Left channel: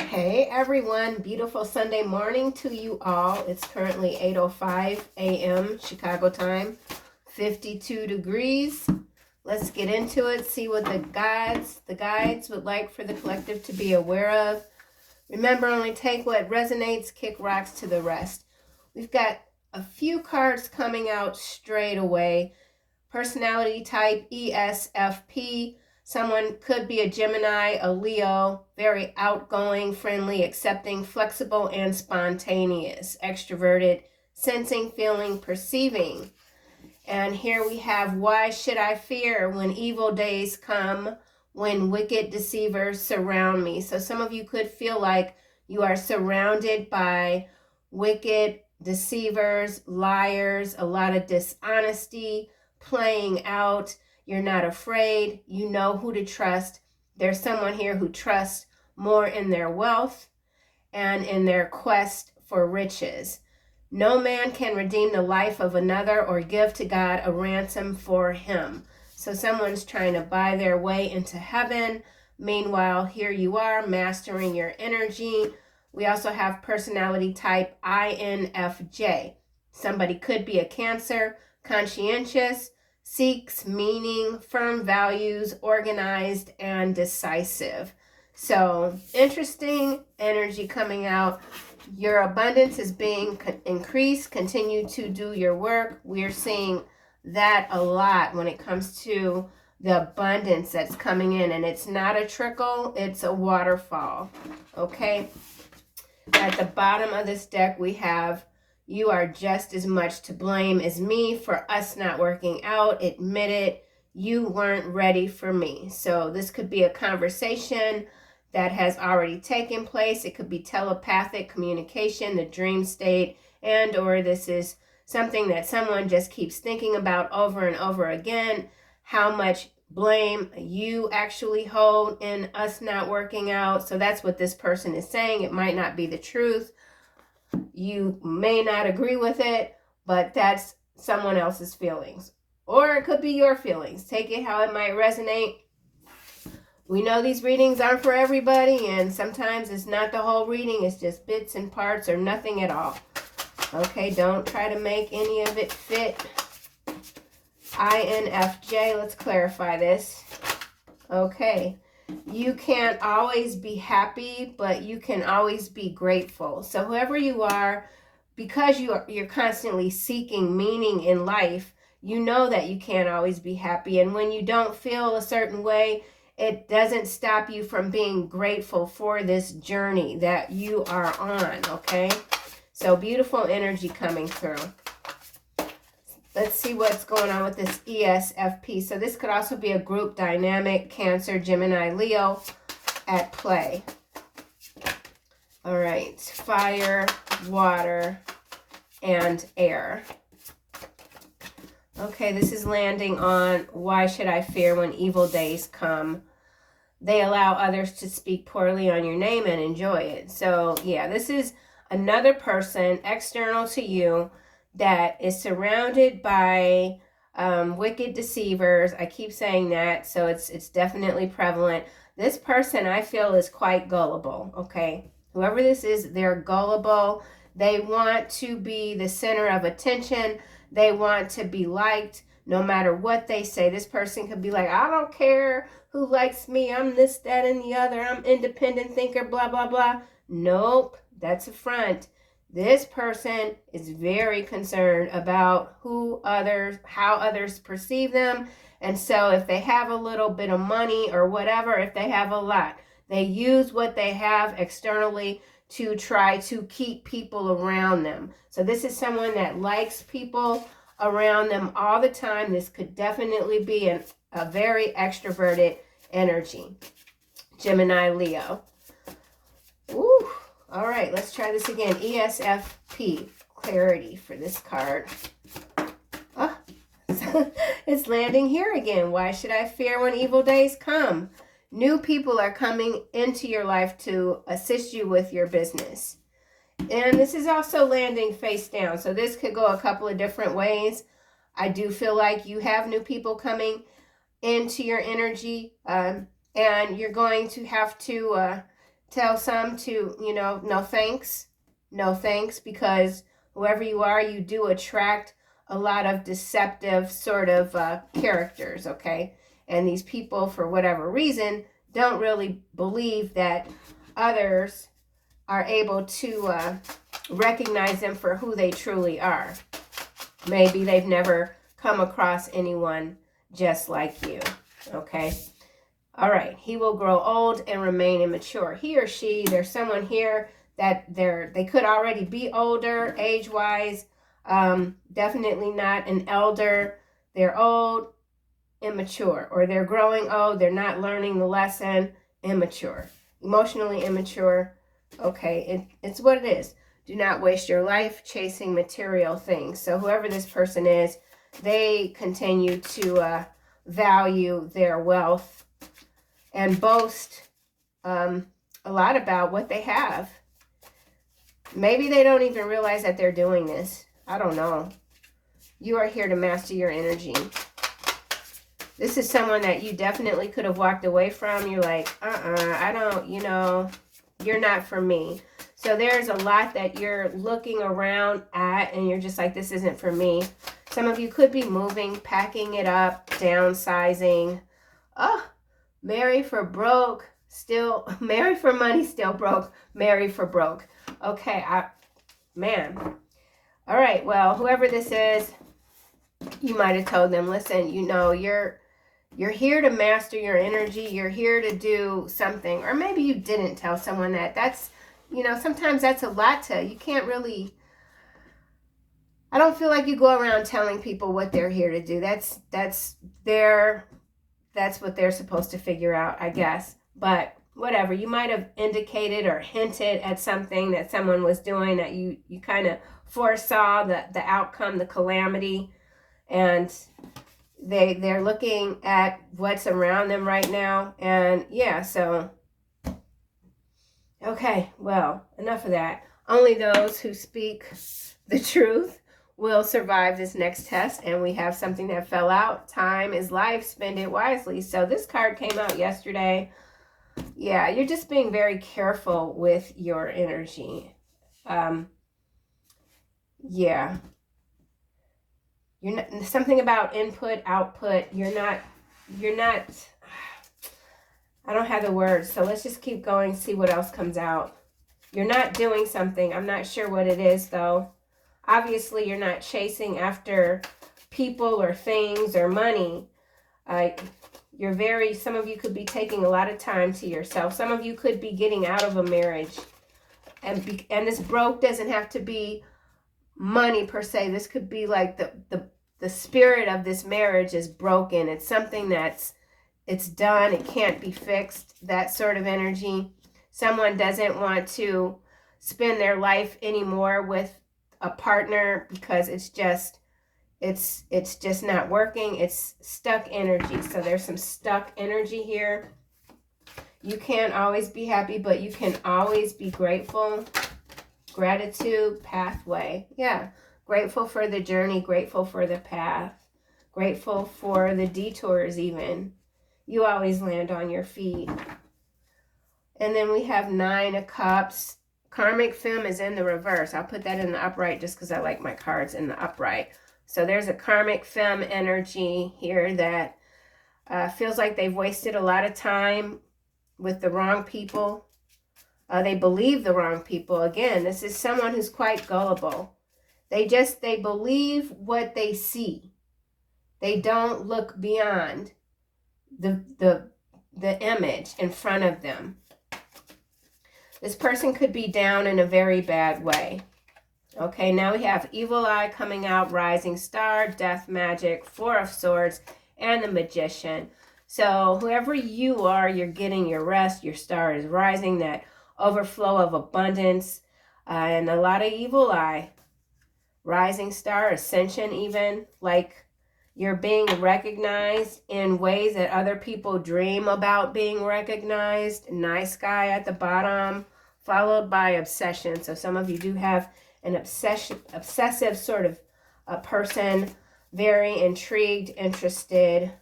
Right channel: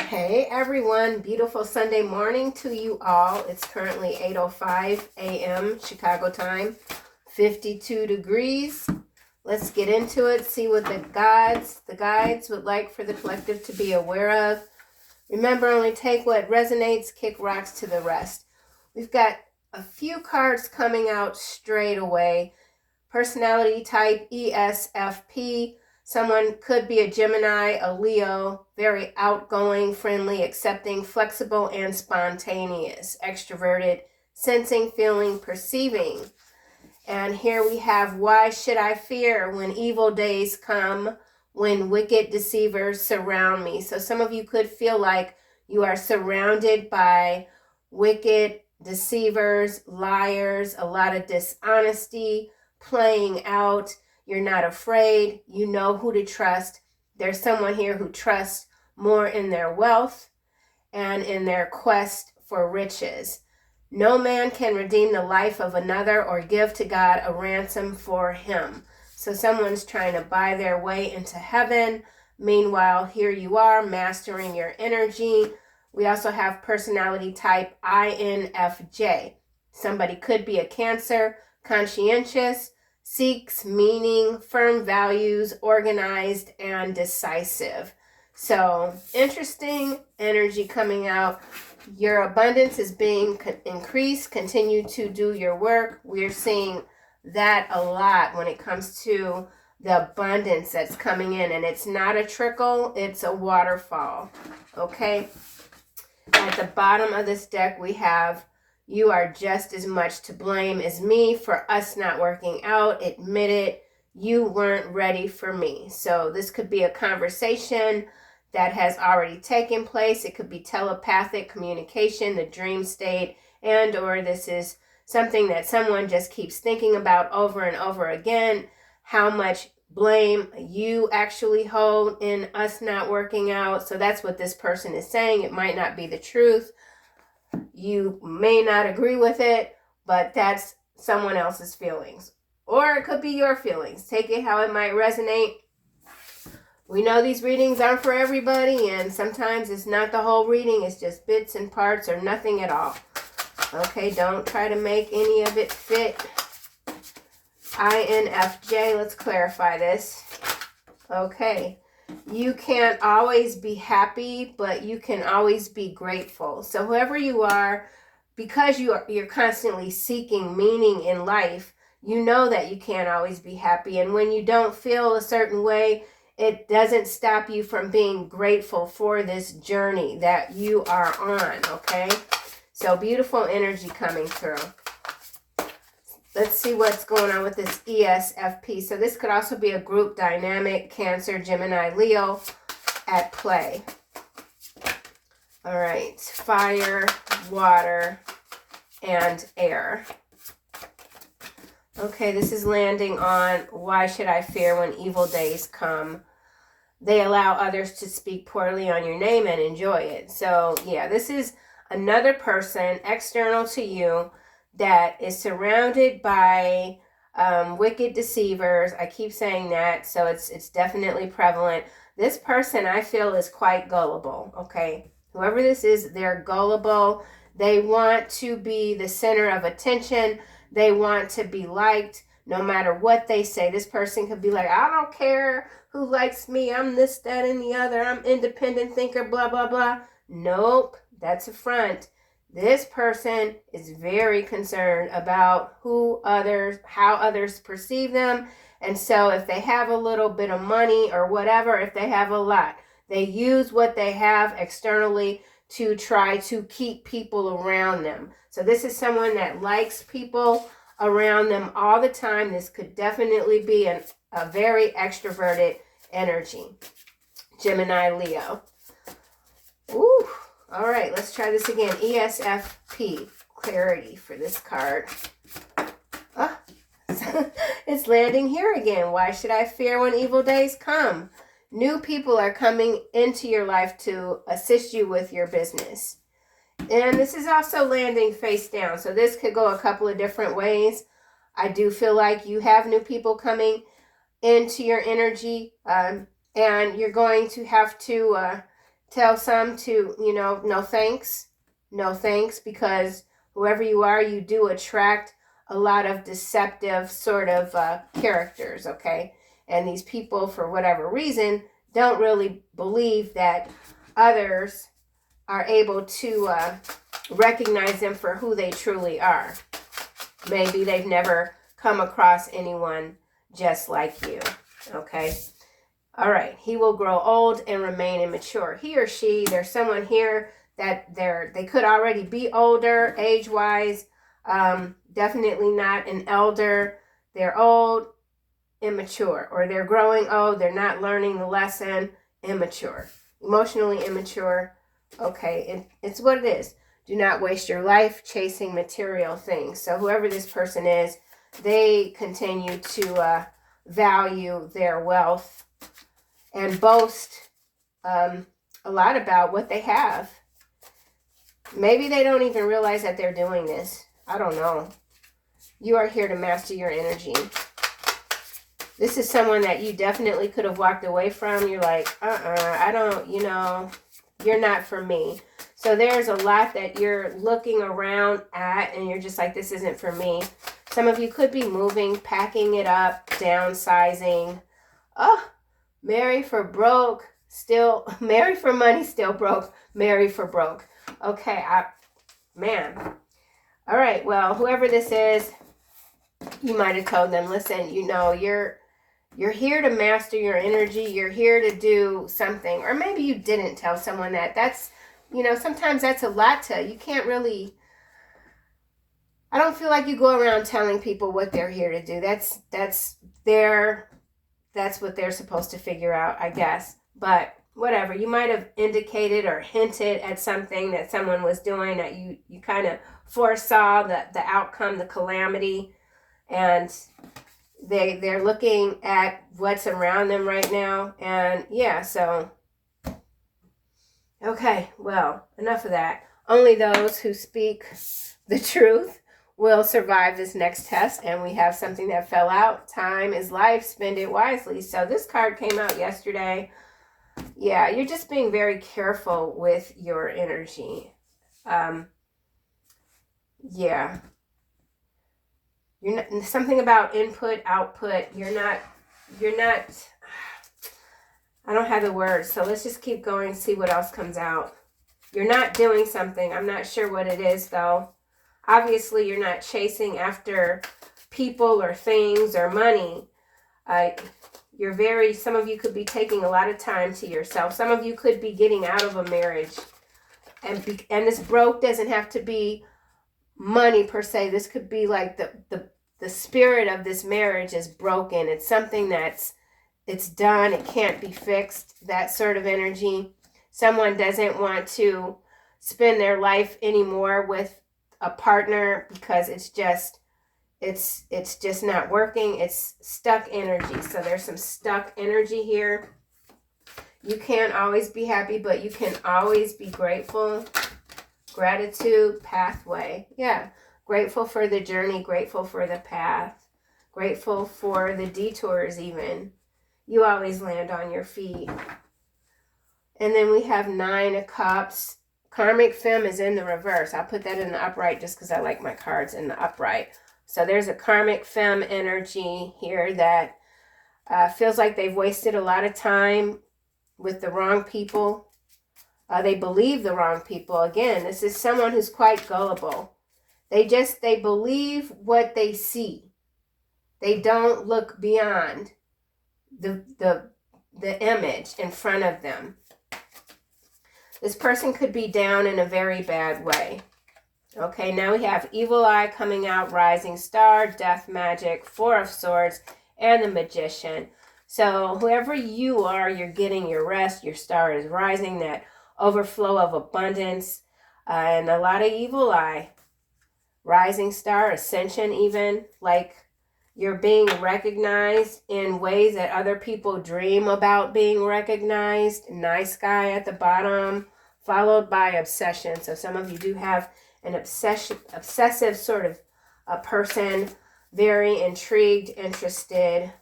Hey everyone, beautiful Sunday morning to you all. It's currently 8:05 a.m. Chicago time, 52 degrees. Let's get into it, see what the guides would like for the collective to be aware of. Remember, only take what resonates, kick rocks to the rest. We've got a few cards coming out straight away. Personality type ESFP. Someone could be a Gemini, a Leo, very outgoing, friendly, accepting, flexible, and spontaneous, extroverted, sensing, feeling, perceiving. And here we have, why should I fear when evil days come, when wicked deceivers surround me? So some of you could feel like you are surrounded by wicked deceivers, liars, a lot of dishonesty playing out. You're not afraid. You know who to trust. There's someone here who trusts more in their wealth and in their quest for riches. No man can redeem the life of another or give to God a ransom for him. So someone's trying to buy their way into heaven. Meanwhile, here you are mastering your energy. We also have personality type INFJ. Somebody could be a Cancer, conscientious, seeks meaning, firm values, organized, and decisive. So interesting energy coming out. Your abundance is being increased. Continue to do your work. We're seeing that a lot when it comes to the abundance that's coming in. And it's not a trickle, it's a waterfall. Okay? At the bottom of this deck, we have, you are just as much to blame as me for us not working out. Admit it. You weren't ready for me. So this could be a conversation that has already taken place. It could be telepathic communication, the dream state, and or this is something that someone just keeps thinking about over and over again. How much blame you actually hold in us not working out. So that's what this person is saying. It might not be the truth. You may not agree with it, but that's someone else's feelings. Or it could be your feelings. Take it how it might resonate. We know these readings aren't for everybody, and sometimes it's not the whole reading. It's just bits and parts or nothing at all. Okay, don't try to make any of it fit. INFJ, let's clarify this. Okay, you can't always be happy, but you can always be grateful. So whoever you are, because you're constantly seeking meaning in life, you know that you can't always be happy. And when you don't feel a certain way, it doesn't stop you from being grateful for this journey that you are on, okay? So beautiful energy coming through. Let's see what's going on with this ESFP. So this could also be a group dynamic, Cancer, Gemini, Leo at play. All right, fire, water, and air. Okay, this is landing on, why should I fear when evil days come? They allow others to speak poorly on your name and enjoy it. So yeah, this is another person external to you that is surrounded by wicked deceivers. I keep saying that, so it's definitely prevalent. This person, I feel, is quite gullible, okay? Whoever this is, they're gullible. They want to be the center of attention. They want to be liked no matter what they say. This person could be like, I don't care who likes me. I'm this, that, and the other. I'm independent thinker, blah, blah, blah. Nope, that's a front. This person is very concerned about how others perceive them. And so if they have a little bit of money or whatever, if they have a lot, they use what they have externally to try to keep people around them. So this is someone that likes people around them all the time. This could definitely be a very extroverted energy. Gemini, Leo. Ooh. All right, let's try this again. ESFP, clarity for this card. Ah, it's landing here again. Why should I fear when evil days come? New people are coming into your life to assist you with your business. And this is also landing face down. So this could go a couple of different ways. I do feel like you have new people coming into your energy, and you're going to have to tell some to, no thanks. No thanks, because whoever you are, you do attract a lot of deceptive sort of characters, okay? And these people, for whatever reason, don't really believe that others are able to recognize them for who they truly are. Maybe they've never come across anyone just like you, okay? All right, he will grow old and remain immature. He or she, there's someone here that they could already be older age-wise, definitely not an elder. They're old, immature, or they're growing old, they're not learning the lesson, immature. Emotionally immature, okay, it's what it is. Do not waste your life chasing material things. So whoever this person is, they continue to value their wealth and boast a lot about what they have. Maybe they don't even realize that they're doing this. I don't know. You are here to master your energy. This is someone that you definitely could have walked away from. You're like, I don't, you're not for me. So there's a lot that you're looking around at and you're just like, this isn't for me. Some of you could be moving, packing it up, downsizing. Oh, marry for broke, still, marry for money, still broke, marry for broke. Okay, man. All right, well, whoever this is, you might have told them, listen, you're here to master your energy. You're here to do something. Or maybe you didn't tell someone that. That's, sometimes that's a lot you can't really, I don't feel like you go around telling people what they're here to do. That's what they're supposed to figure out, I guess. But whatever, you might have indicated or hinted at something that someone was doing that you kind of foresaw the outcome, the calamity, and they're looking at what's around them right now. And yeah, so okay, well, enough of that. Only those who speak the truth will survive this next test. And we have something that fell out. Time is life, spend it wisely. So this card came out yesterday. Yeah, you're just being very careful with your energy. Yeah. You're not, something about input, output. You're not, I don't have the words. So let's just keep going, see what else comes out. You're not doing something. I'm not sure what it is though. Obviously, you're not chasing after people or things or money. Some of you could be taking a lot of time to yourself. Some of you could be getting out of a marriage. And this broke doesn't have to be money per se. This could be like the spirit of this marriage is broken. It's something it's done. It can't be fixed. That sort of energy. Someone doesn't want to spend their life anymore with a partner because it's just not working. It's stuck energy. So there's some stuck energy here. You can't always be happy, but you can always be grateful. Gratitude, pathway. Yeah. Grateful for the journey, grateful for the path, grateful for the detours even. You always land on your feet. And then we have 9 of Cups. Karmic Femme is in the reverse. I'll put that in the upright just because I like my cards in the upright. So there's a Karmic Femme energy here that feels like they've wasted a lot of time with the wrong people. They believe the wrong people. Again, this is someone who's quite gullible. They believe what they see. They don't look beyond the image in front of them. This person could be down in a very bad way. Okay, now we have Evil Eye coming out, Rising Star, Death Magic, 4 of Swords, and the Magician. So whoever you are, you're getting your rest. Your star is rising, that overflow of abundance, and a lot of Evil Eye. Rising Star, Ascension even, like you're being recognized in ways that other people dream about being recognized. Nice guy at the bottom, followed by Obsession. So some of you do have an obsessive sort of a person, very intrigued, interested,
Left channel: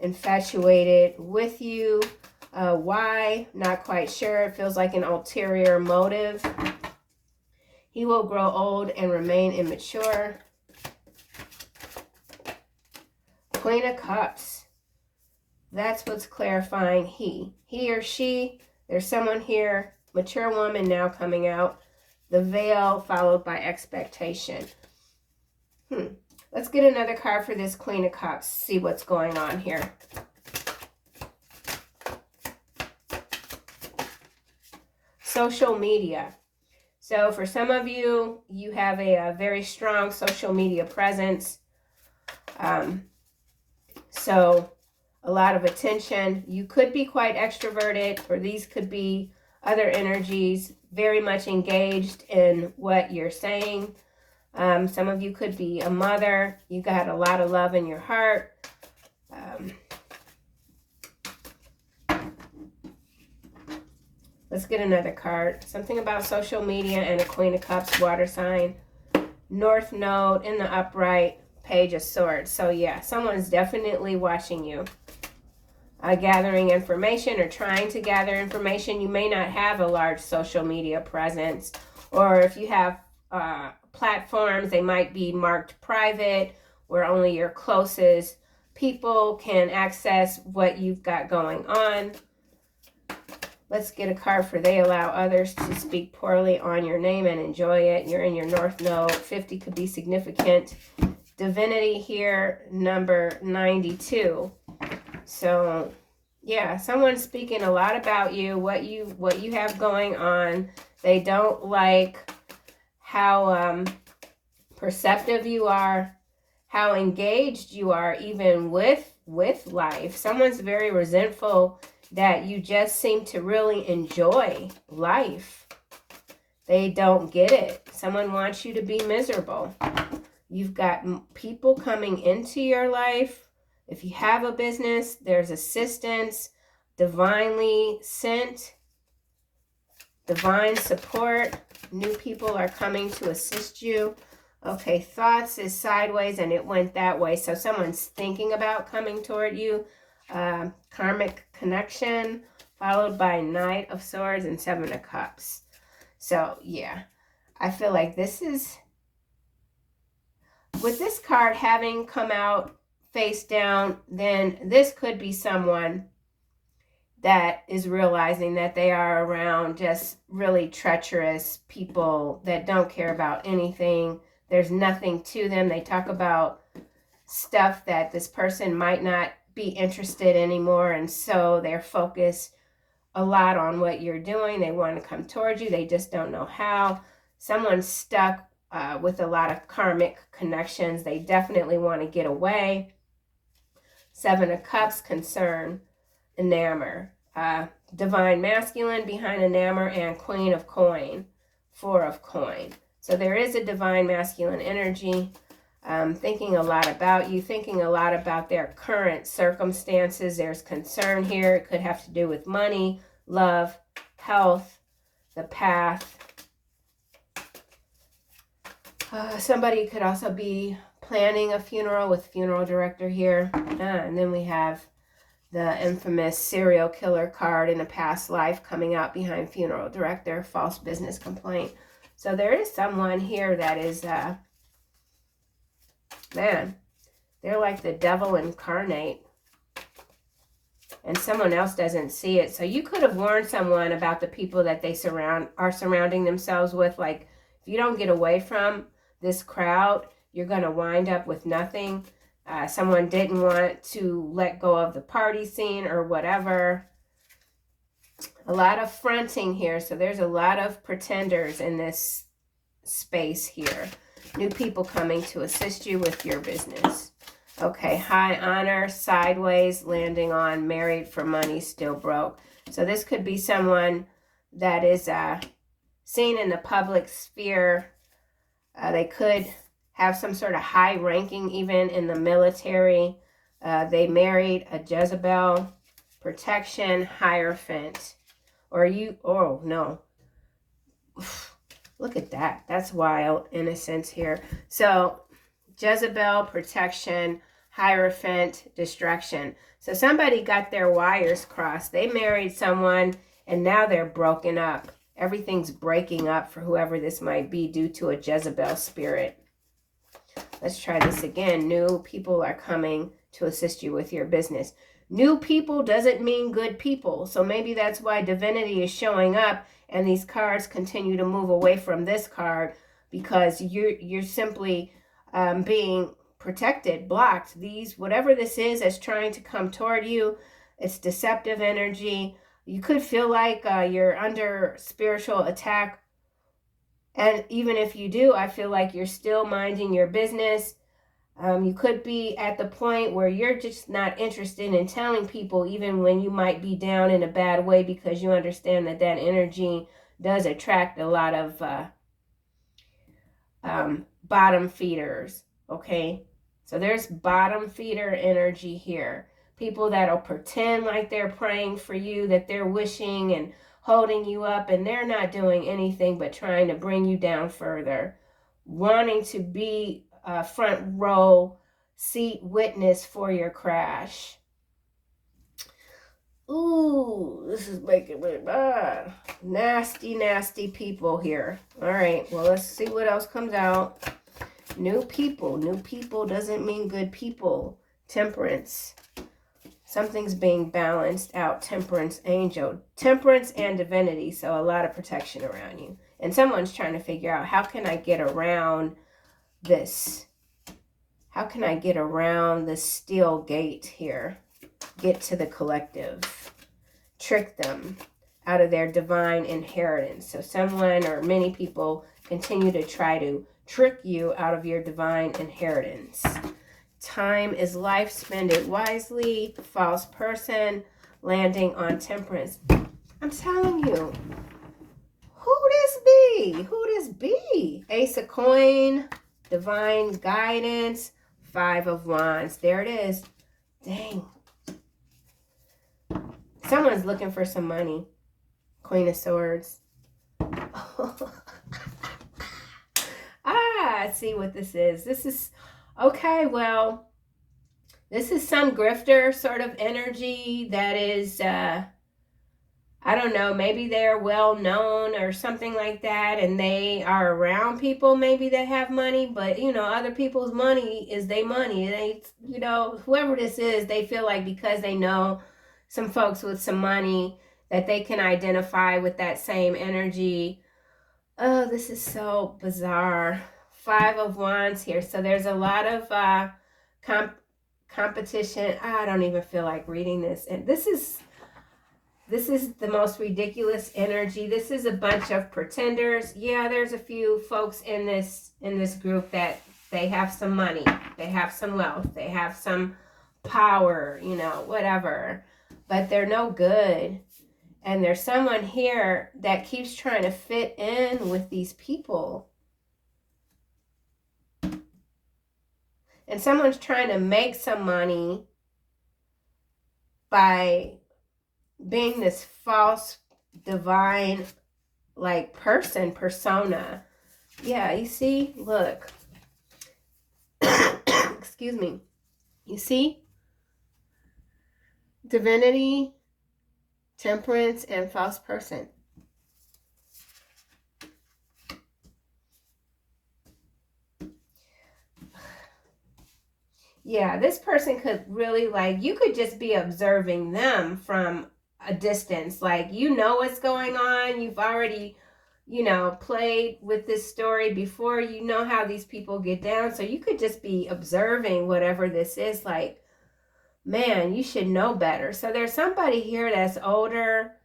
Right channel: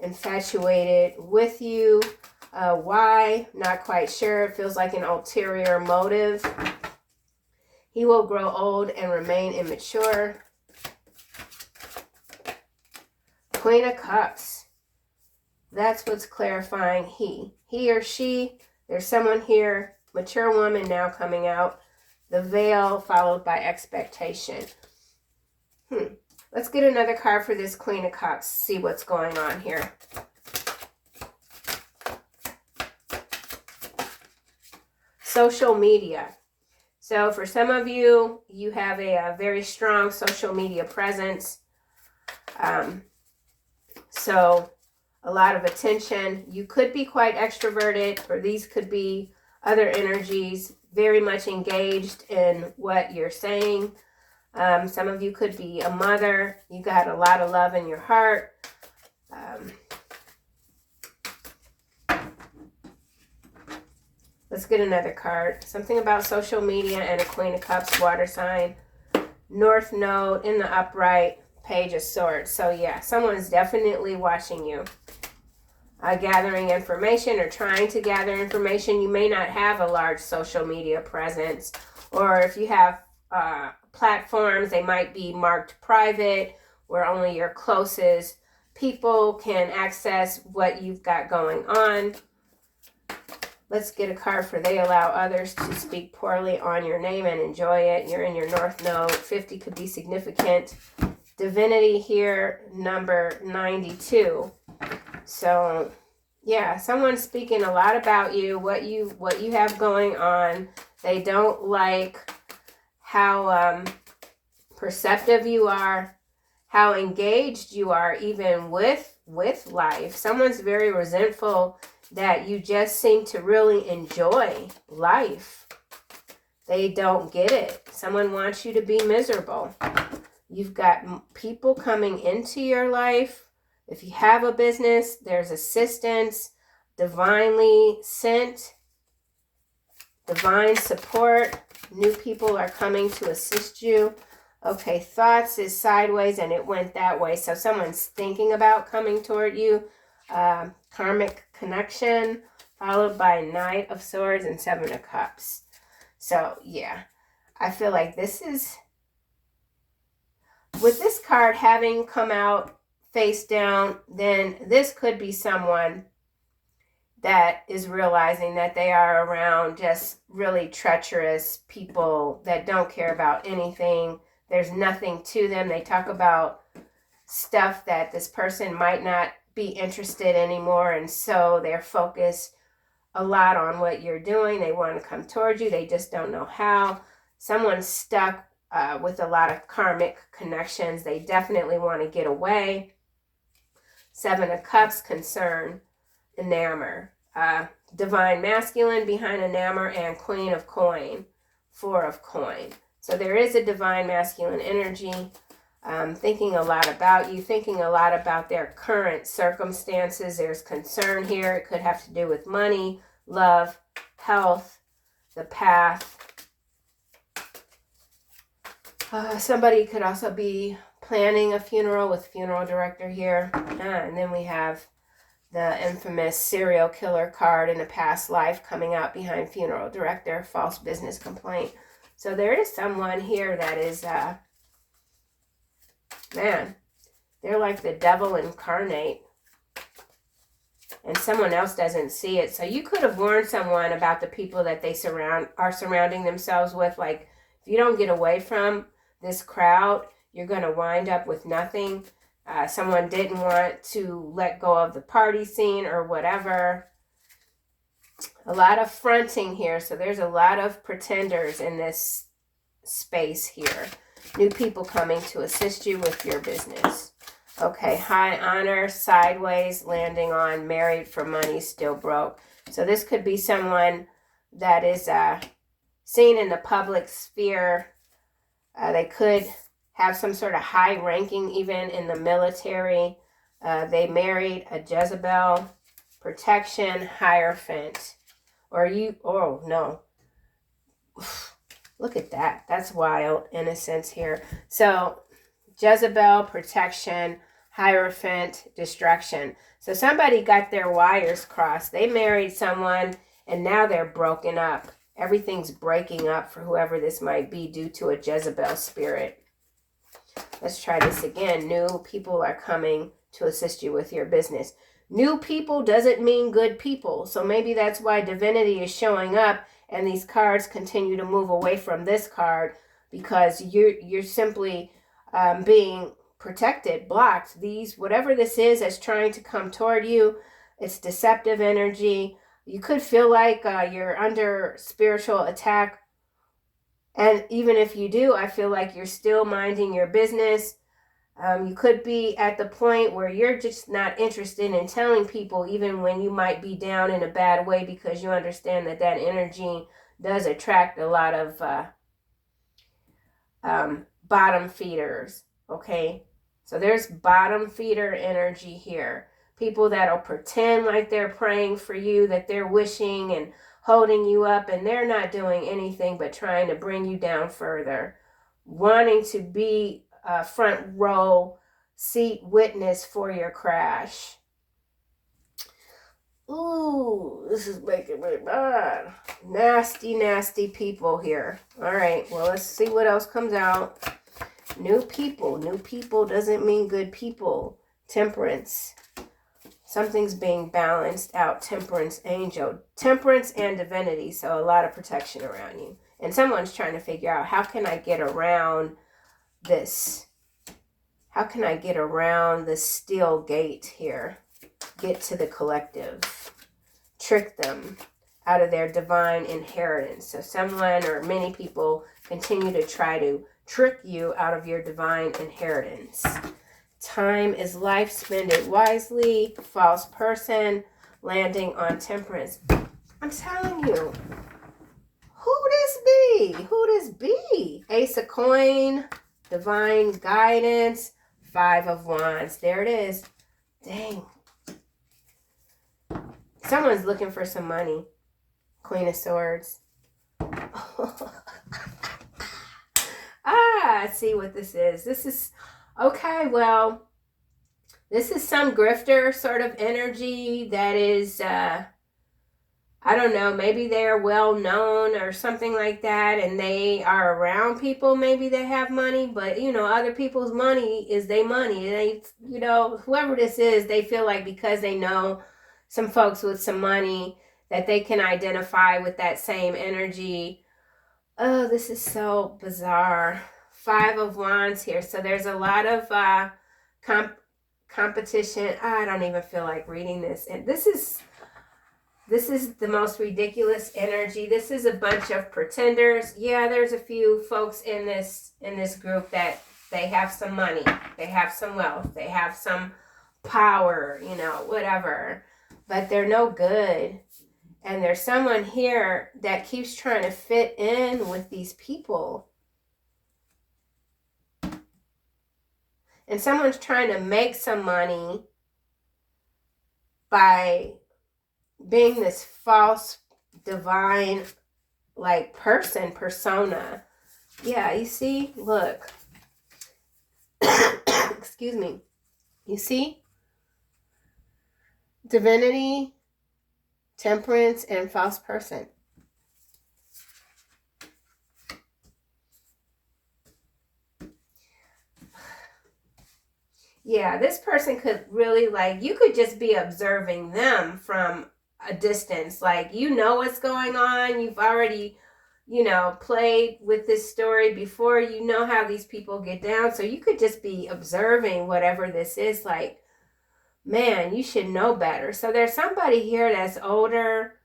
infatuated with you. Why? Not quite sure. It feels like an ulterior motive. He will grow old and remain immature. Queen of Cups. That's what's clarifying he. He or she. There's someone here. Mature woman now coming out. The veil followed by expectation. Let's get another card for this Queen of Cups. See what's going on here. Social media. So for some of you, you have a very strong social media presence. So a lot of attention. You could be quite extroverted, or these could be other energies, very much engaged in what you're saying. Some of you could be a mother. You got a lot of love in your heart. Let's get another card. Something about social media and a Queen of Cups, water sign. North Node in the upright, Page of Swords. So yeah, someone's definitely watching you. Gathering information or trying to gather information. You may not have a large social media presence. Or if you have platforms, they might be marked private, where only your closest people can access what you've got going on. Let's get a card for they allow others to speak poorly on your name and enjoy it. You're in your North Node. 50 could be significant. Divinity here, number 92. So, yeah, someone's speaking a lot about you, what you have going on. They don't like how perceptive you are, how engaged you are even with life. Someone's very resentful that you just seem to really enjoy life. They don't get it. Someone wants you to be miserable. You've got people coming into your life. If you have a business, there's assistance, divinely sent, divine support. New people are coming to assist you. Okay, thoughts is sideways and it went that way. So someone's thinking about coming toward you. Karmic connection, followed by Knight of Swords and Seven of Cups. So, yeah, I feel like this is, with this card having come out face down, then this could be someone that is realizing that they are around just really treacherous people that don't care about anything. There's nothing to them. They talk about stuff that this person might not be interested anymore, and so they're focused a lot on what you're doing. They want to come towards you. They just don't know how. Someone's stuck with a lot of karmic connections. They definitely want to get away. Seven of Cups, concern, enamor. Divine masculine behind enamor and Queen of Coin, Four of Coin. So there is a divine masculine energy. Thinking a lot about you, thinking a lot about their current circumstances. There's concern here. It could have to do with money, love, health, the path. Somebody could also be planning a funeral with funeral director here. And then we have the infamous serial killer card in a past life coming out behind funeral director, false business complaint. So there is someone here that is... man, they're like the devil incarnate, and someone else doesn't see it. So you could have warned someone about the people that they are surrounding themselves with. Like, if you don't get away from this crowd, you're going to wind up with nothing. Someone didn't want to let go of the party scene or whatever. A lot of fronting here. So there's a lot of pretenders in this space here. New people coming to assist you with your business. Okay, high honor, sideways, landing on married for money, still broke. So this could be someone that is seen in the public sphere. They could have some sort of high ranking even in the military. They married a Jezebel, protection, Hierophant. Or you, oh no. Look at that. That's wild. Innocence here. So, Jezebel, protection, Hierophant, destruction. So somebody got their wires crossed. They married someone and now they're broken up. Everything's breaking up for whoever this might be due to a Jezebel spirit. Let's try this again. New people are coming to assist you with your business. New people doesn't mean good people. So maybe that's why divinity is showing up and these cards continue to move away from this card, because you're simply being protected, blocked. These, whatever this is that's trying to come toward you, it's deceptive energy. You could feel like you're under spiritual attack. And even if you do, I feel like you're still minding your business. You could be at the point where you're just not interested in telling people, even when you might be down in a bad way, because you understand that that energy does attract a lot of bottom feeders, okay? So there's bottom feeder energy here. People that'll pretend like they're praying for you, that they're wishing and holding you up, and they're not doing anything but trying to bring you down further, wanting to be a front row seat witness for your crash. Ooh, this is making me mad. Nasty, nasty people here. All right, well, let's see what else comes out. New people. New people doesn't mean good people. Temperance. Something's being balanced out. Temperance, angel. Temperance and divinity. So a lot of protection around you. And someone's trying to figure out, how can I get around this? How can I get around the steel gate here? Get to the collective. Trick them out of their divine inheritance. So someone or many people continue to try to trick you out of your divine inheritance. Time is life, spend it wisely. False person, landing on temperance. I'm telling you, who this be? Who this be? Ace of coin, divine guidance, 5 of wands. There it is. Dang. Someone's looking for some money. Queen of swords. I see what this is. This is, okay, well, this is some grifter sort of energy that is, I don't know, maybe they're well known or something like that, and they are around people maybe that have money, but, you know, other people's money is their money. They, you know, whoever this is, they feel like because they know some folks with some money that they can identify with that same energy. Oh, this is so bizarre. 5 of wands here. So there's a lot of competition. I don't even feel like reading this. And this is the most ridiculous energy. This is a bunch of pretenders. Yeah, there's a few folks in this group that they have some money. They have some wealth. They have some power, you know, whatever. But they're no good. And there's someone here that keeps trying to fit in with these people. And someone's trying to make some money by being this false, divine, like persona. Yeah, you see? Look. Excuse me. You see? Divinity, temperance, and false person. Yeah, this person could really, like, you could just be observing them from a distance. Like, you know what's going on. You've already, you know, played with this story before. You know how these people get down. So you could just be observing whatever this is. Like, man, you should know better. So there's somebody here that's older,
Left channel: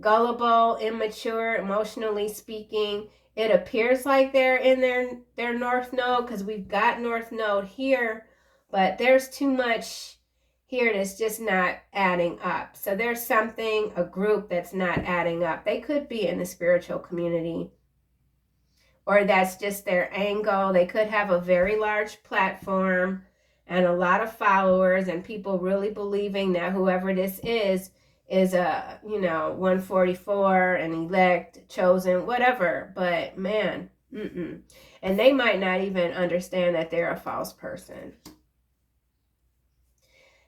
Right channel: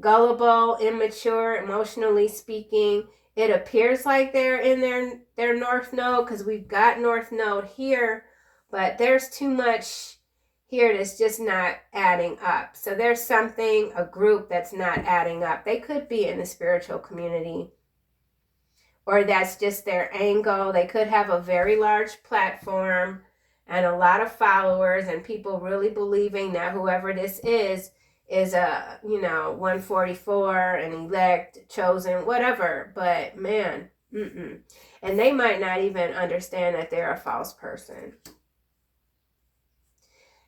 gullible, immature, emotionally speaking. It appears like they're in their north node, because we've got north node here, but there's too much here that's just not adding up. So there's something, a group that's not adding up. They could be in the spiritual community, or that's just their angle. They could have a very large platform and a lot of followers, and people really believing that whoever this is a, you know, 144, an elect, chosen, whatever. But man, And they might not even understand that they're a false person.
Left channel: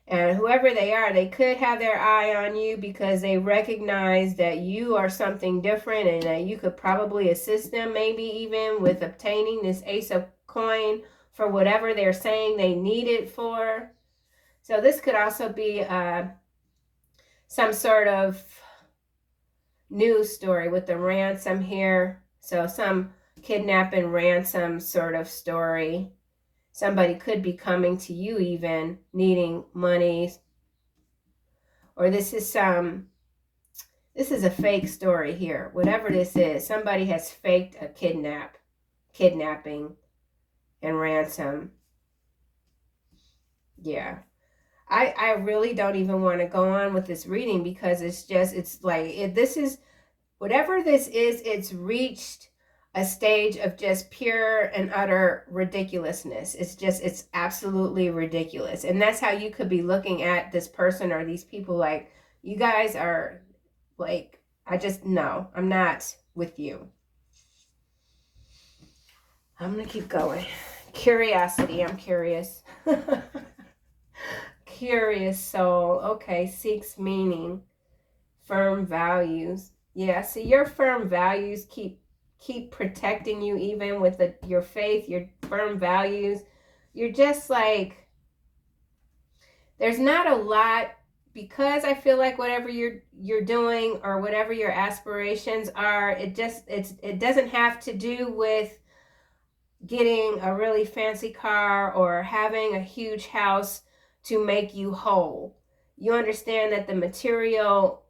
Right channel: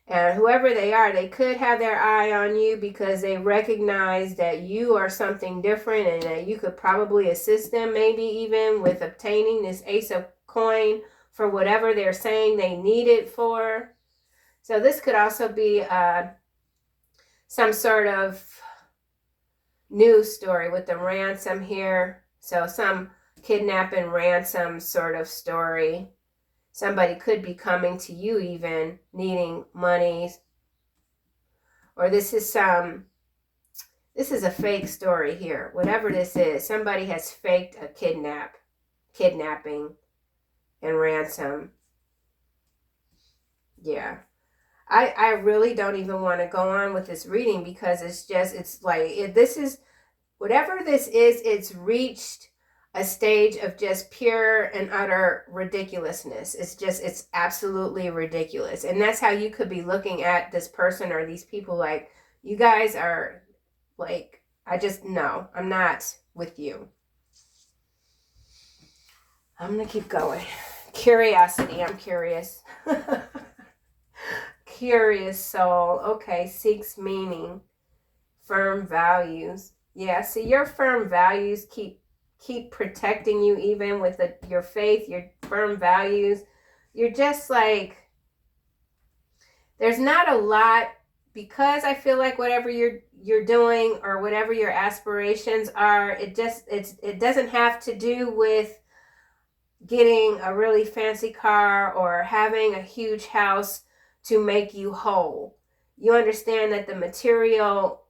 And whoever they are, they could have their eye on you because they recognize that you are something different and that you could probably assist them, maybe even with obtaining this Ace of Coin for whatever they're saying they need it for. So this could also be some sort of news story with the ransom here. So some kidnapping ransom sort of story. Somebody could be coming to you even needing money. Or this is a fake story here. Whatever this is, somebody has faked a kidnapping and ransom. Yeah. I really don't even want to go on with this reading because it's like, whatever this is, it's reached a stage of just pure and utter ridiculousness. It's absolutely ridiculous. And that's how you could be looking at this person or these people like, you guys are like, no, I'm not with you. I'm going to keep going. Curiosity, I'm curious. Curious soul. Okay, seeks meaning. Firm values. Yeah, see, your firm values keep protecting you even with your faith, your firm values. You're just like, there's not a lot, because I feel like whatever you're doing or whatever your aspirations are, it doesn't have to do with getting a really fancy car or having a huge house to make you whole. You understand that the material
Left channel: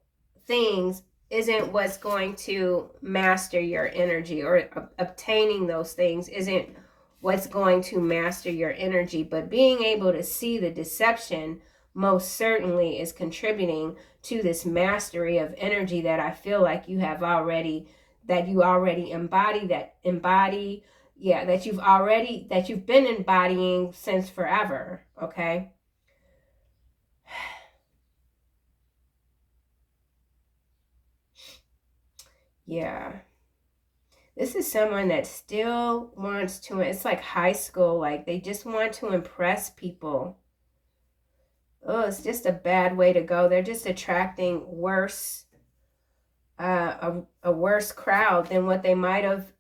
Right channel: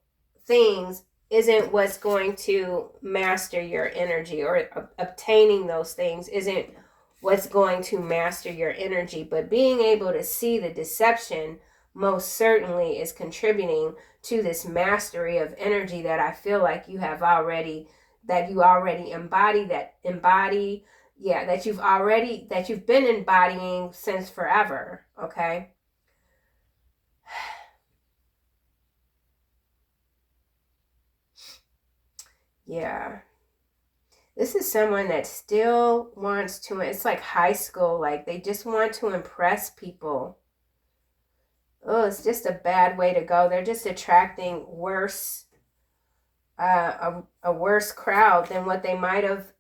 things isn't what's going to master your energy, or obtaining those things isn't what's going to master your energy, but being able to see the deception most certainly is contributing to this mastery of energy that I feel like you already embody, that you've been embodying since forever. Okay. Yeah. This is someone that still wants to, it's like high school, like they just want to impress people. Oh, it's just a bad way to go. They're just attracting worse, a worse crowd than what they might have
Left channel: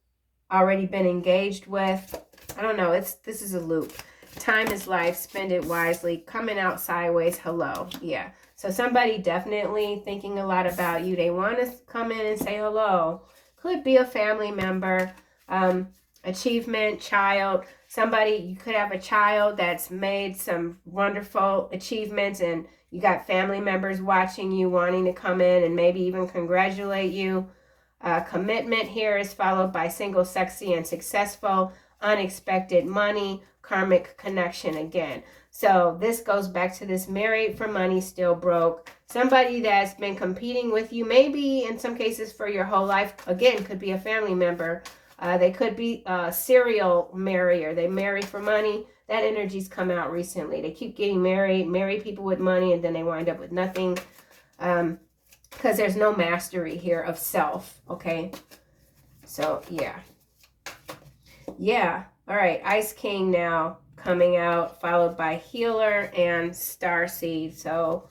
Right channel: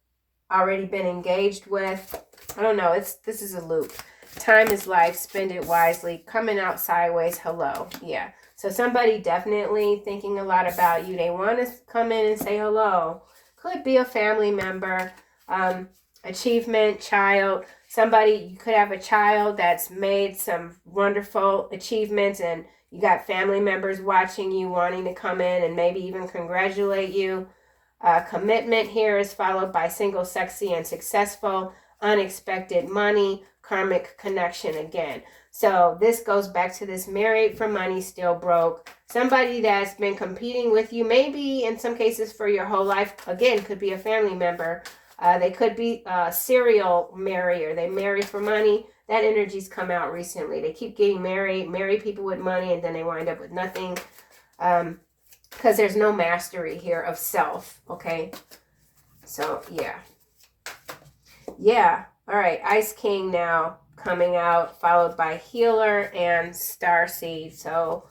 already been engaged with. I don't know. This is a loop. Time is life. Spend it wisely. Coming out sideways. Hello. Yeah. So somebody definitely thinking a lot about you. They want to come in and say hello. Could be a family member, achievement, child. Somebody, you could have a child that's made some wonderful achievements and you got family members watching you, wanting to come in and maybe even congratulate you. Commitment here is followed by single, sexy, and successful. Unexpected money, karmic connection again. So this goes back to this married for money, still broke. Somebody that's been competing with you, maybe in some cases for your whole life. Again, could be a family member. They could be a serial marrier. They marry for money. That energy's come out recently. They keep getting married, marry people with money, and then they wind up with nothing. Because there's no mastery here of self. Okay. So, yeah. Yeah. All right. Ice King now coming out, followed by Healer and Starseed. So,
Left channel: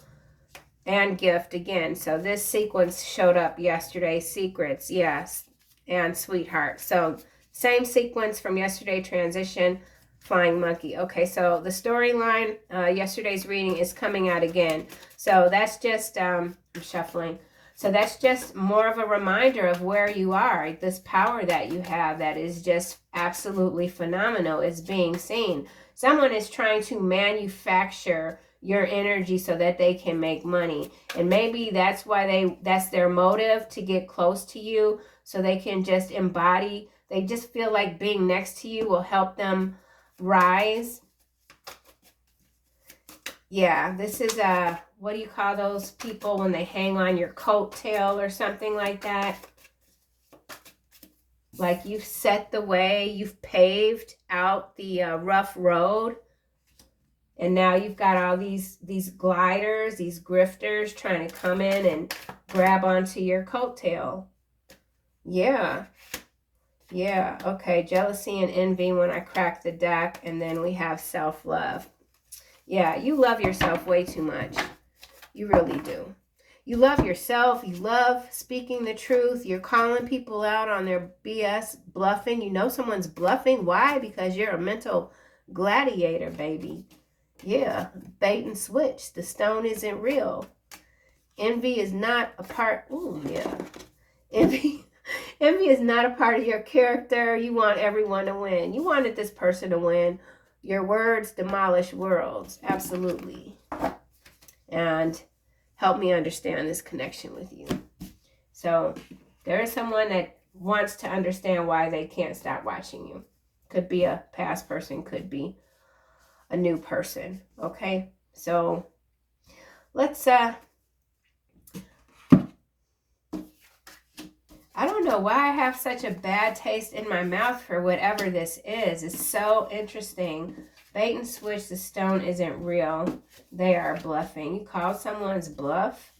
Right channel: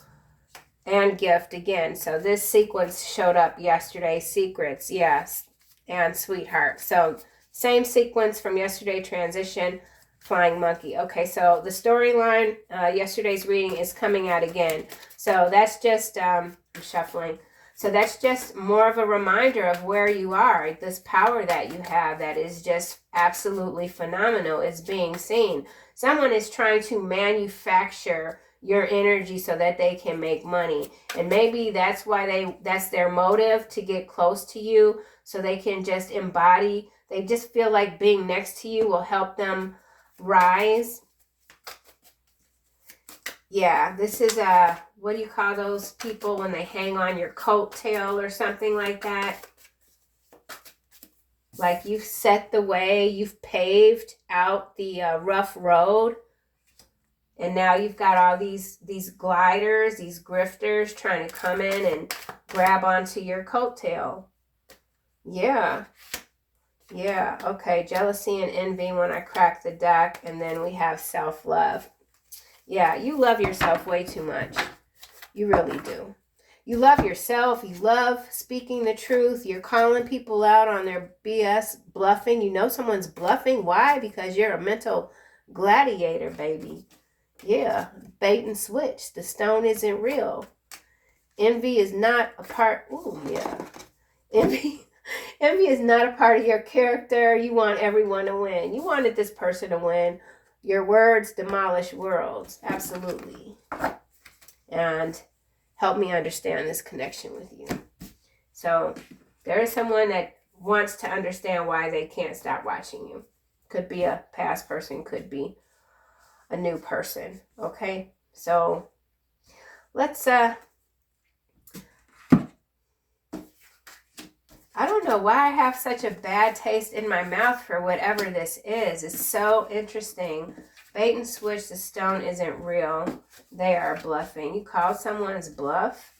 and Gift again. So this sequence showed up yesterday. Secrets, yes, and Sweetheart. So same sequence from yesterday. Transition, Flying Monkey. Okay, so the storyline, yesterday's reading is coming out again. So that's just, I'm shuffling. So that's just more of a reminder of where you are. This power that you have that is just absolutely phenomenal is being seen. Someone is trying to manufacture your energy so that they can make money. And maybe that's why that's their motive, to get close to you so they can just embody. They just feel like being next to you will help them rise. Yeah, this is what do you call those people when they hang on your coattail or something like that? Like you've set the way, you've paved out the rough road. And now you've got all these gliders, these grifters trying to come in and grab onto your coattail. Yeah. Yeah, okay. Jealousy and envy when I crack the deck. And then we have self-love. Yeah, you love yourself way too much. You really do. You love yourself. You love speaking the truth. You're calling people out on their BS, bluffing. You know someone's bluffing. Why? Because you're a mental gladiator, baby. Yeah, bait and switch. The stone isn't real. Envy is not a part. Ooh, yeah. Envy is not a part of your character. You want everyone to win. You wanted this person to win. Your words demolish worlds. Absolutely. And help me understand this connection with you. So there is someone that wants to understand why they can't stop watching you. Could be a past person, could be a new person. Okay? So let's I don't know why I have such a bad taste in my mouth for whatever this is. It's so interesting. Bait and switch, the stone isn't real. They are bluffing. You called someone's bluff?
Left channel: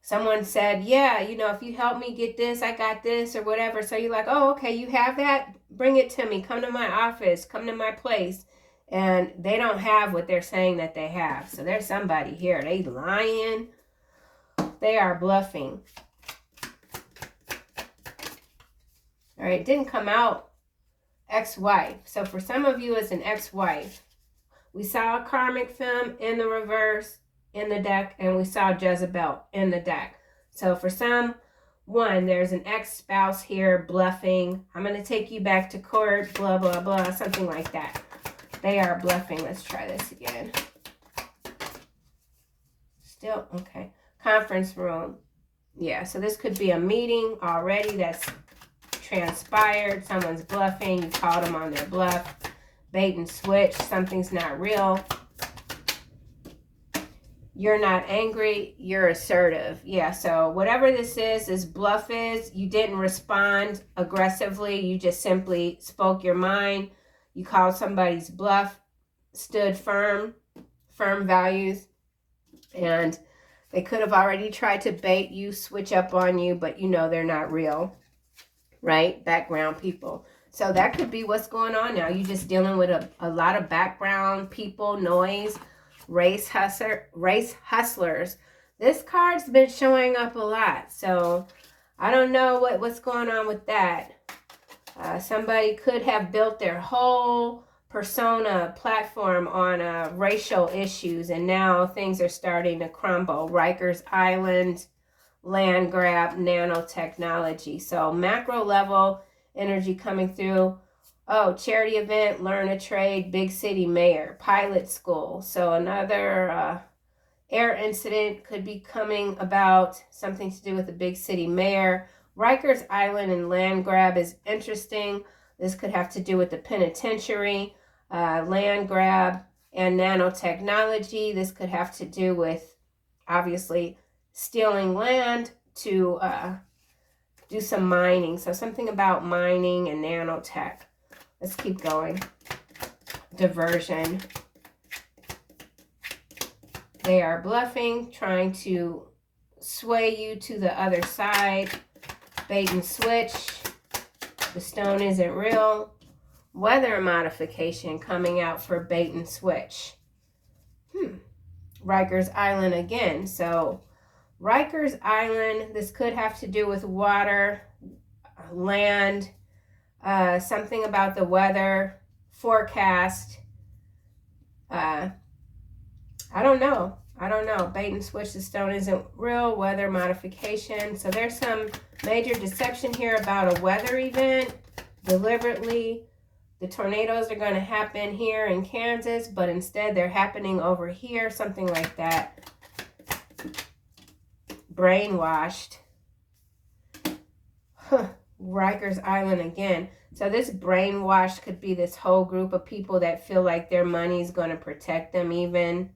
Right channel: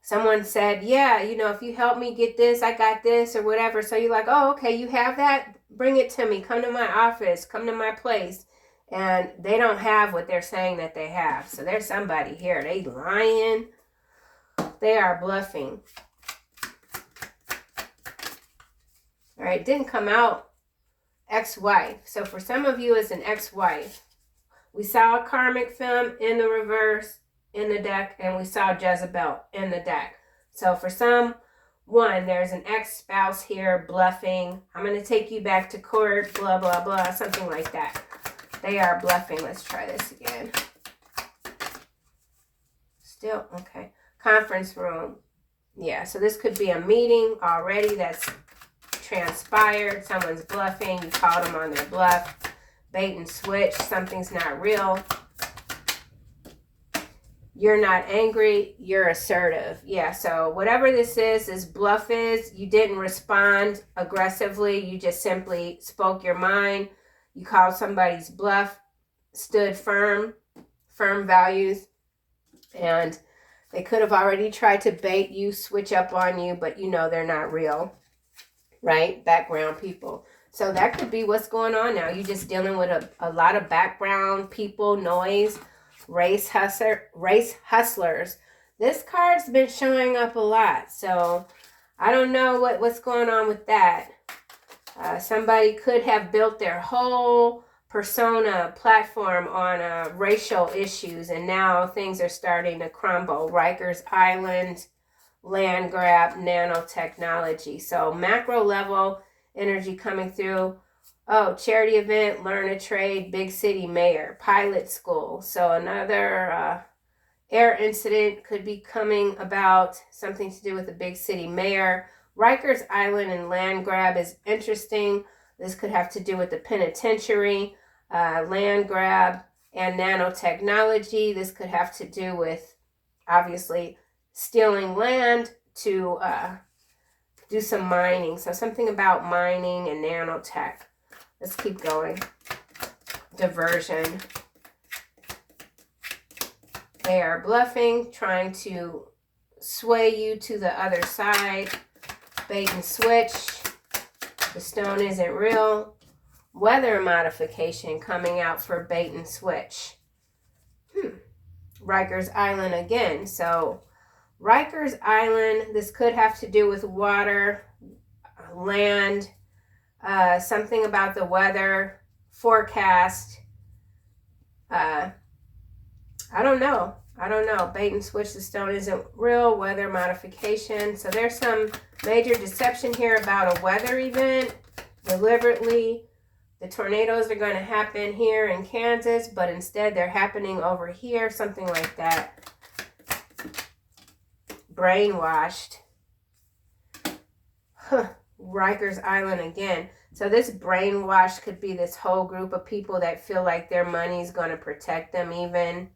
Someone said, yeah, you know, if you help me get this, I got this or whatever. So you're like, oh, okay, you have that? Bring it to me. Come to my office. Come to my place. And they don't have what they're saying that they have. So there's somebody here. They lying. They are bluffing. All right, didn't come out. Ex-wife. So for some of you, it's an ex-wife. We saw a karmic film in the reverse in the deck, and we saw Jezebel in the deck. So for someone, there's an ex-spouse here bluffing. I'm going to take you back to court, blah, blah, blah, something like that. They are bluffing. Let's try this again. Still, okay. Conference room. Yeah, so this could be a meeting already that's transpired. Someone's bluffing. You called them on their bluff. Bait and switch. Something's not real. You're not angry. You're assertive. Yeah, so whatever this bluff is, you didn't respond aggressively. You just simply spoke your mind. You called somebody's bluff, stood firm values, and they could have already tried to bait you, switch up on you, but you know they're not real. Right? Background people. So that could be what's going on now. You're just dealing with a lot of background people, noise, race hustlers. This card's been showing up a lot. So I don't know what's going on with that. Somebody could have built their whole persona platform on racial issues, and now things are starting to crumble. Rikers Island, land grab, nanotechnology. So macro level energy coming through. Oh, charity event, learn a trade, big city mayor, pilot school. So another air incident could be coming about, something to do with the big city mayor. Rikers Island and land grab is interesting. This could have to do with the penitentiary, land grab, and nanotechnology. This could have to do with, obviously, stealing land to do some mining. So something about mining and nanotech. Let's keep going. Diversion. They are bluffing, trying to sway you to the other side. Bait and switch. The stone isn't real. Weather modification coming out for bait and switch. Rikers Island again. So Rikers Island, this could have to do with water, land, something about the weather, forecast. I don't know. Bait and switch, the stone isn't real, weather modification. So there's some major deception here about a weather event, deliberately. The tornadoes are going to happen here in Kansas, but instead they're happening over here, something like that. Brainwashed. Rikers Island again. So this brainwash could be this whole group of people that feel like their money is going to protect them even.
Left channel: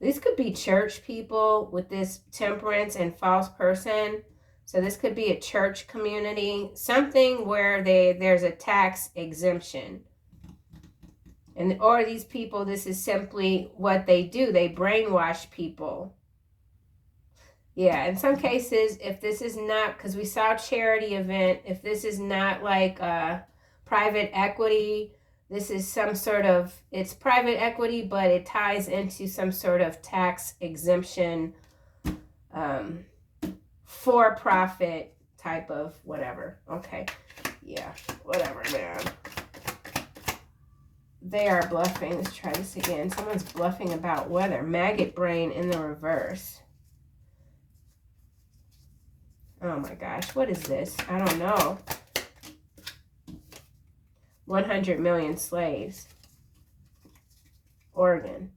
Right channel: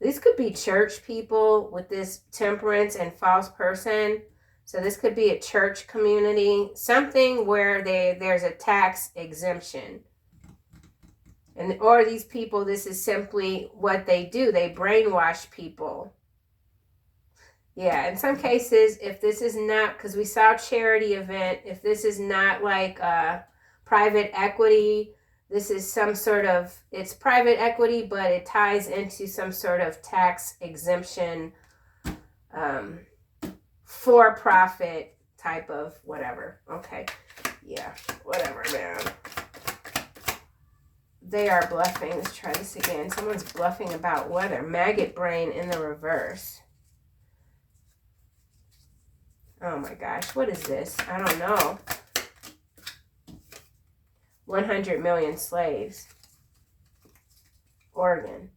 These could be church people with this temperance and false person. So this could be a church community, something where there's a tax exemption. Or these people, this is simply what they do. They brainwash people. Yeah, in some cases, if this is not, because we saw charity event, if this is not like private equity, this is some sort of, it's private equity, but it ties into some sort of tax exemption, for-profit type of whatever. Okay, yeah, whatever, man. They are bluffing. Let's try this again. Someone's bluffing about weather. Maggot brain in the reverse. Oh my gosh, what is this? I don't know. 100 million slaves. Oregon.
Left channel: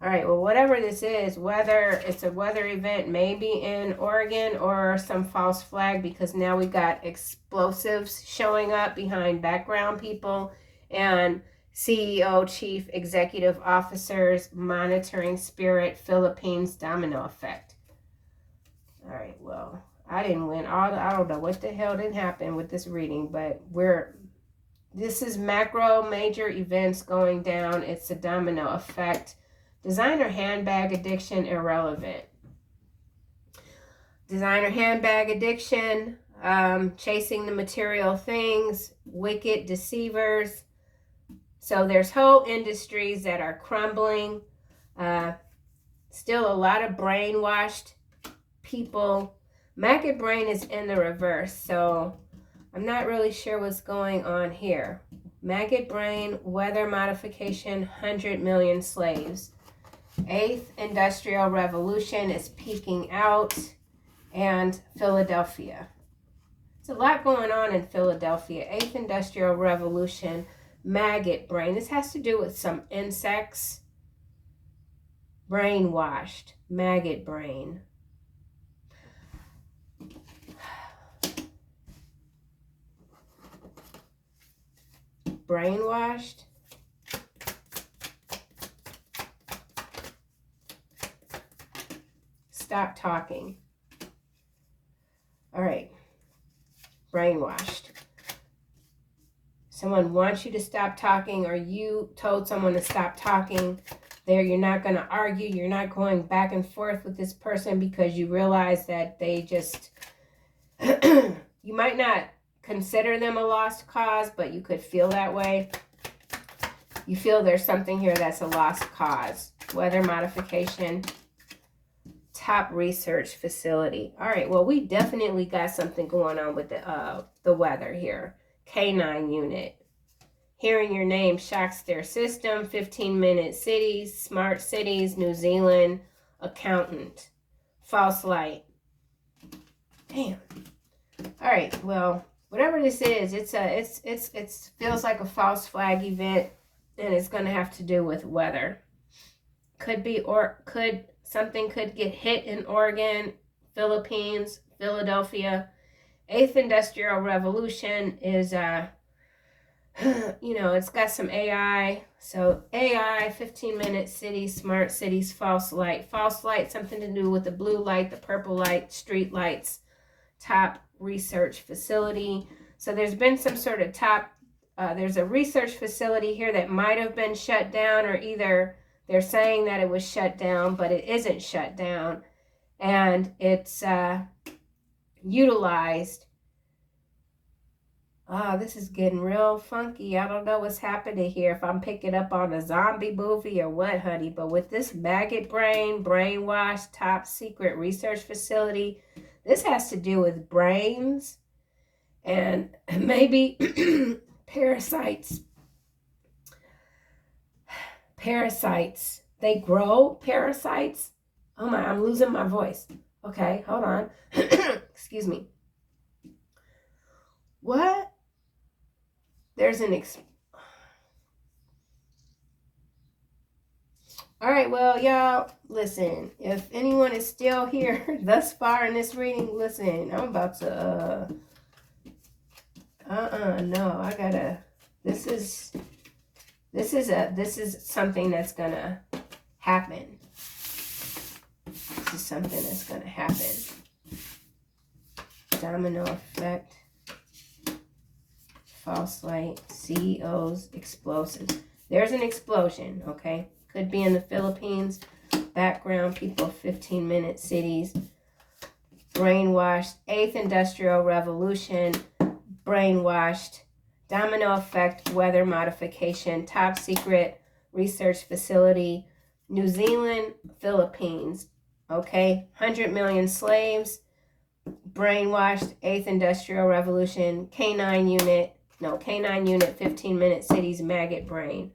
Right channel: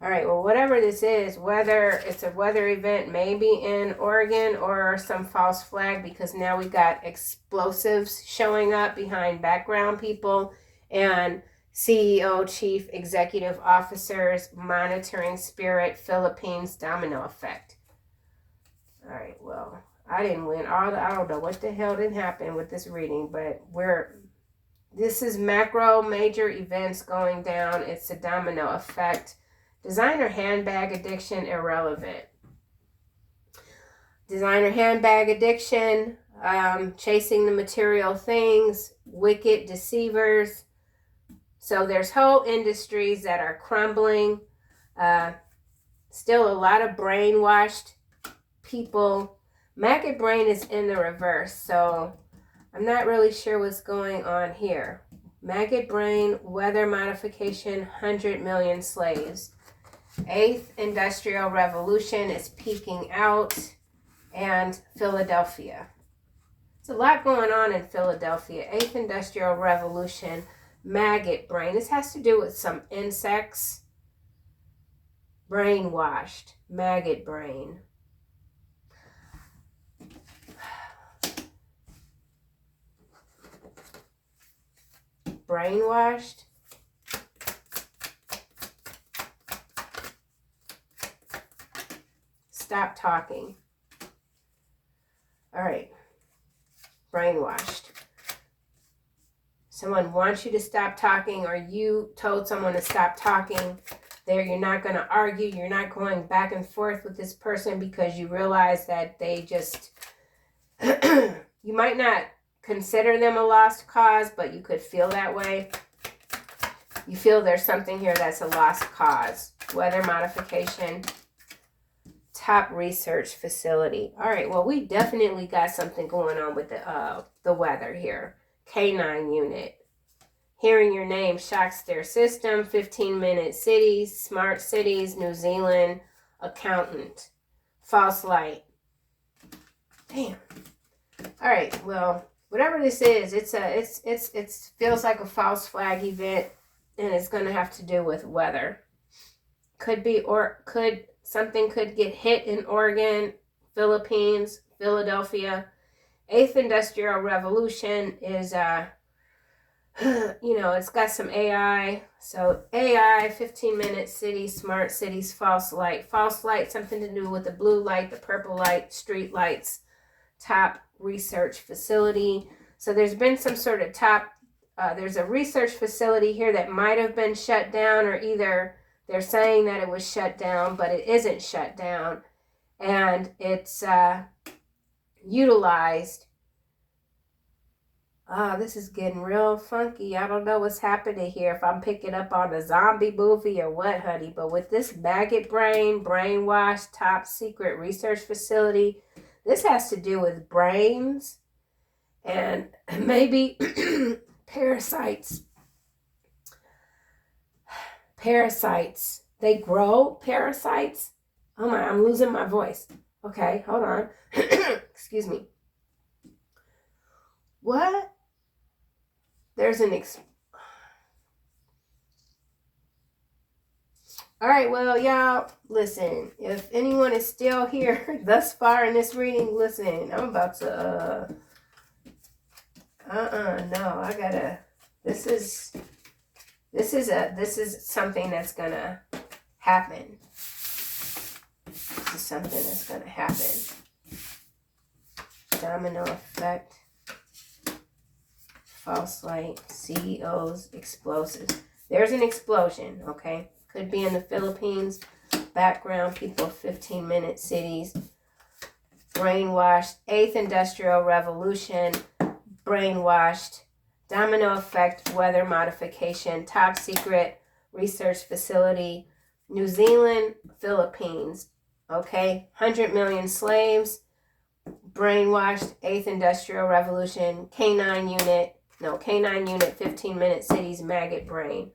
All right, well, whatever this is, whether it's a weather event, maybe in Oregon, or some false flag, because now we got explosives showing up behind background people and CEO, chief executive officers, monitoring spirit, Philippines, domino effect. All right, well, I didn't win. I don't know what the hell didn't happen with this reading, but this is macro major events going down. It's a domino effect. Designer handbag addiction, irrelevant. Designer handbag addiction, chasing the material things, wicked deceivers. So there's whole industries that are crumbling. Still a lot of brainwashed people. Maggot brain is in the reverse, so I'm not really sure what's going on here. Maggot brain, weather modification, 100 million slaves. 8th Industrial Revolution is peaking out, and Philadelphia. There's a lot going on in Philadelphia. 8th Industrial Revolution, maggot brain. This has to do with some insects. Brainwashed, maggot brain. Brainwashed. Stop talking. All right. Brainwashed. Someone wants you to stop talking, or you told someone to stop talking. You're not going to argue. You're not going back and forth with this person because you realize that they just, you might not consider them a lost cause, but you could feel that way. You feel there's something here that's a lost cause. Weather modification. Top research facility. All right, well, we definitely got something going on with the weather here. K9 unit. Hearing your name shocks their system. 15-minute cities, smart cities, New Zealand, accountant. False light. Damn. All right, well, whatever this is, it feels like a false flag event, and it's going to have to do with weather. Something could get hit in Oregon, Philippines, Philadelphia. 8th Industrial Revolution is, it's got some AI. So AI, 15-minute cities, smart cities, false light. False light, something to do with the blue light, the purple light, street lights, top research facility. So there's been some sort of there's a research facility here that might have been shut down, or either they're saying that it was shut down, but it isn't shut down. And it's utilized. This is getting real funky. I don't know what's happening here, if I'm picking up on a zombie movie or what, honey. But with this maggot brain, brainwash, top secret research facility, this has to do with brains and maybe parasites. Parasites. They grow parasites. Oh my, I'm losing my voice. Okay, hold on. Excuse me. What? There's an All right, well, y'all, listen. If anyone is still here thus far in this reading, listen, I'm about to, no, I gotta, this is something that's gonna happen. This is something that's gonna happen. Domino effect. False light. CEOs. Explosives. There's an explosion, okay? Could be in the Philippines. Background people, 15-minute cities. brainwashed, 8th Industrial Revolution, brainwashed, domino effect, weather modification, top secret research facility, New Zealand, Philippines. Okay, 100 million slaves, brainwashed, 8th Industrial Revolution, K9 unit, 15-minute cities, maggot brain.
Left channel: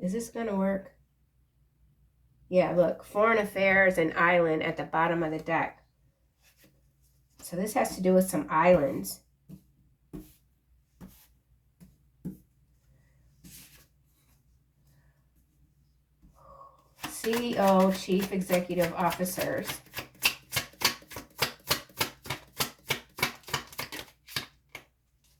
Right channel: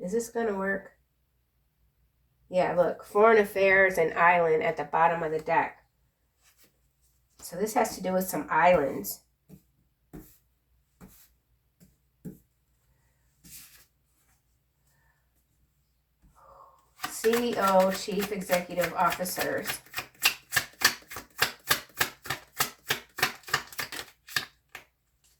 Is this going to work? Yeah, look, foreign affairs and island at the bottom of the deck. So this has to do with some islands. CEO, Chief Executive Officers.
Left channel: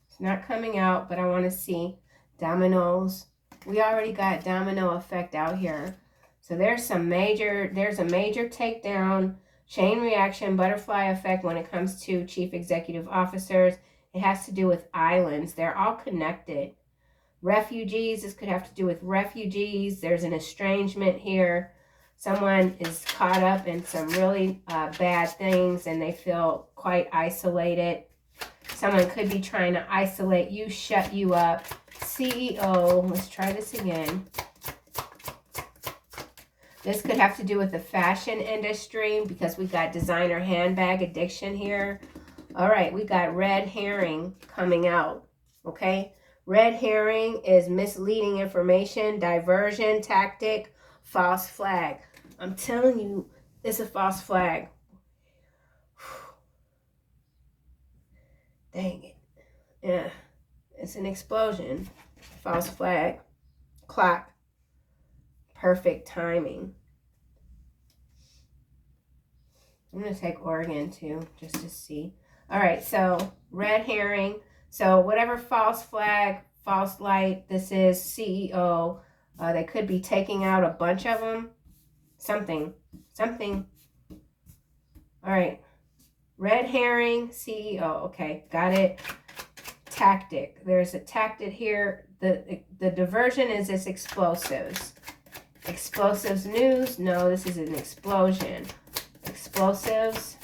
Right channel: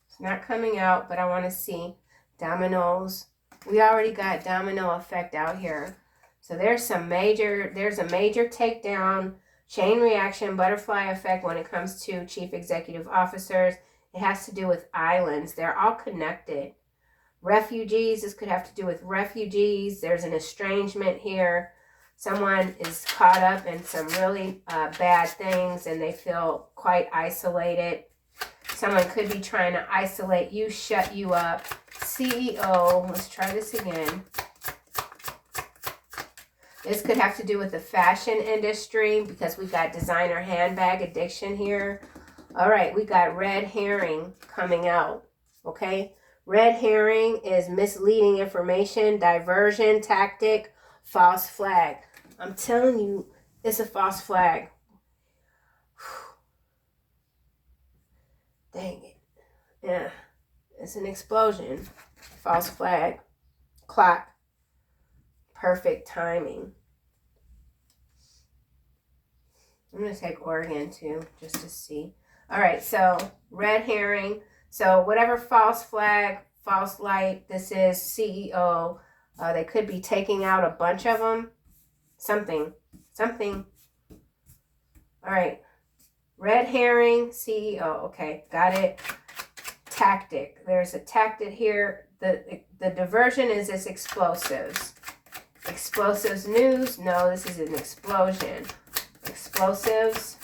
It's not coming out, but I want to see dominoes. We already got domino effect out here. So there's a major takedown, chain reaction, butterfly effect when it comes to Chief Executive Officers. It has to do with islands. They're all connected. Refugees, this could have to do with refugees. There's an estrangement here. Someone is caught up in some really bad things and they feel quite isolated. Someone could be trying to isolate you, shut you up. CEO, let's try this again. This could have to do with the fashion industry because we got designer handbag addiction here. All right, we got red herring coming out, okay? Red herring is misleading information, diversion tactic, false flag. I'm telling you, it's a false flag. Dang it. Yeah, it's an explosion. False flag. Clock. Perfect timing. I'm going to take Oregon too, just to see. All right, so red herring. So whatever false flag, false light, this is CEO. They could be taking out a bunch of them. Something. All right. Red herring, CEO. Okay, got it. Tactic. There's a tactic here. The diversion is this explosives. Explosives news. No, this is an explosion. Explosives.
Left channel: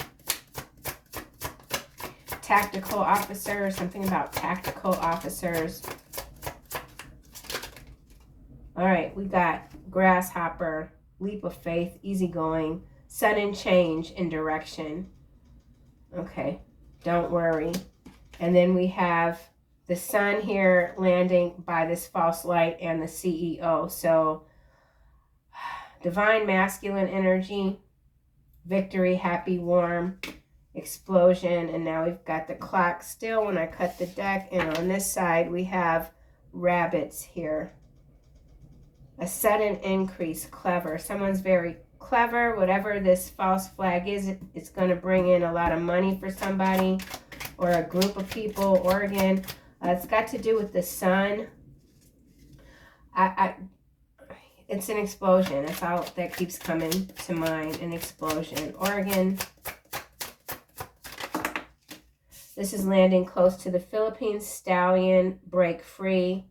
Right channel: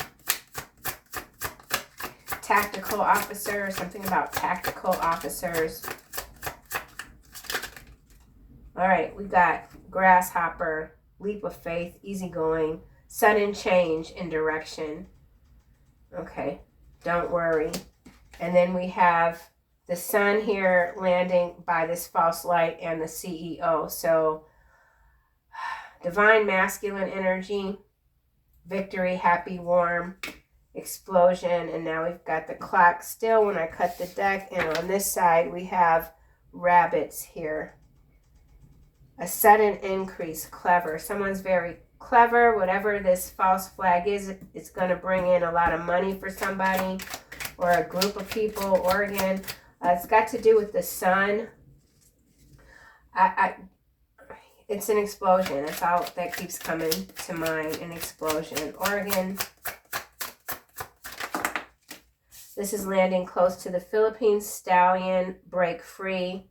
Tactical officer. Something about tactical officers. All right, we got grasshopper, leap of faith, easygoing, sudden change in direction. Okay, don't worry. And then we have the sun here landing by this false light and the CEO. So divine masculine energy, victory, happy, warm, explosion. And now we've got the clock still when I cut the deck. And on this side, we have rabbits here. A sudden increase, clever. Someone's very clever. Whatever this false flag is, it's going to bring in a lot of money for somebody or a group of people. Oregon. It's got to do with the sun. It's an explosion. That's all that keeps coming to mind. An explosion. Oregon. This is landing close to the Philippines. Stallion. Break free.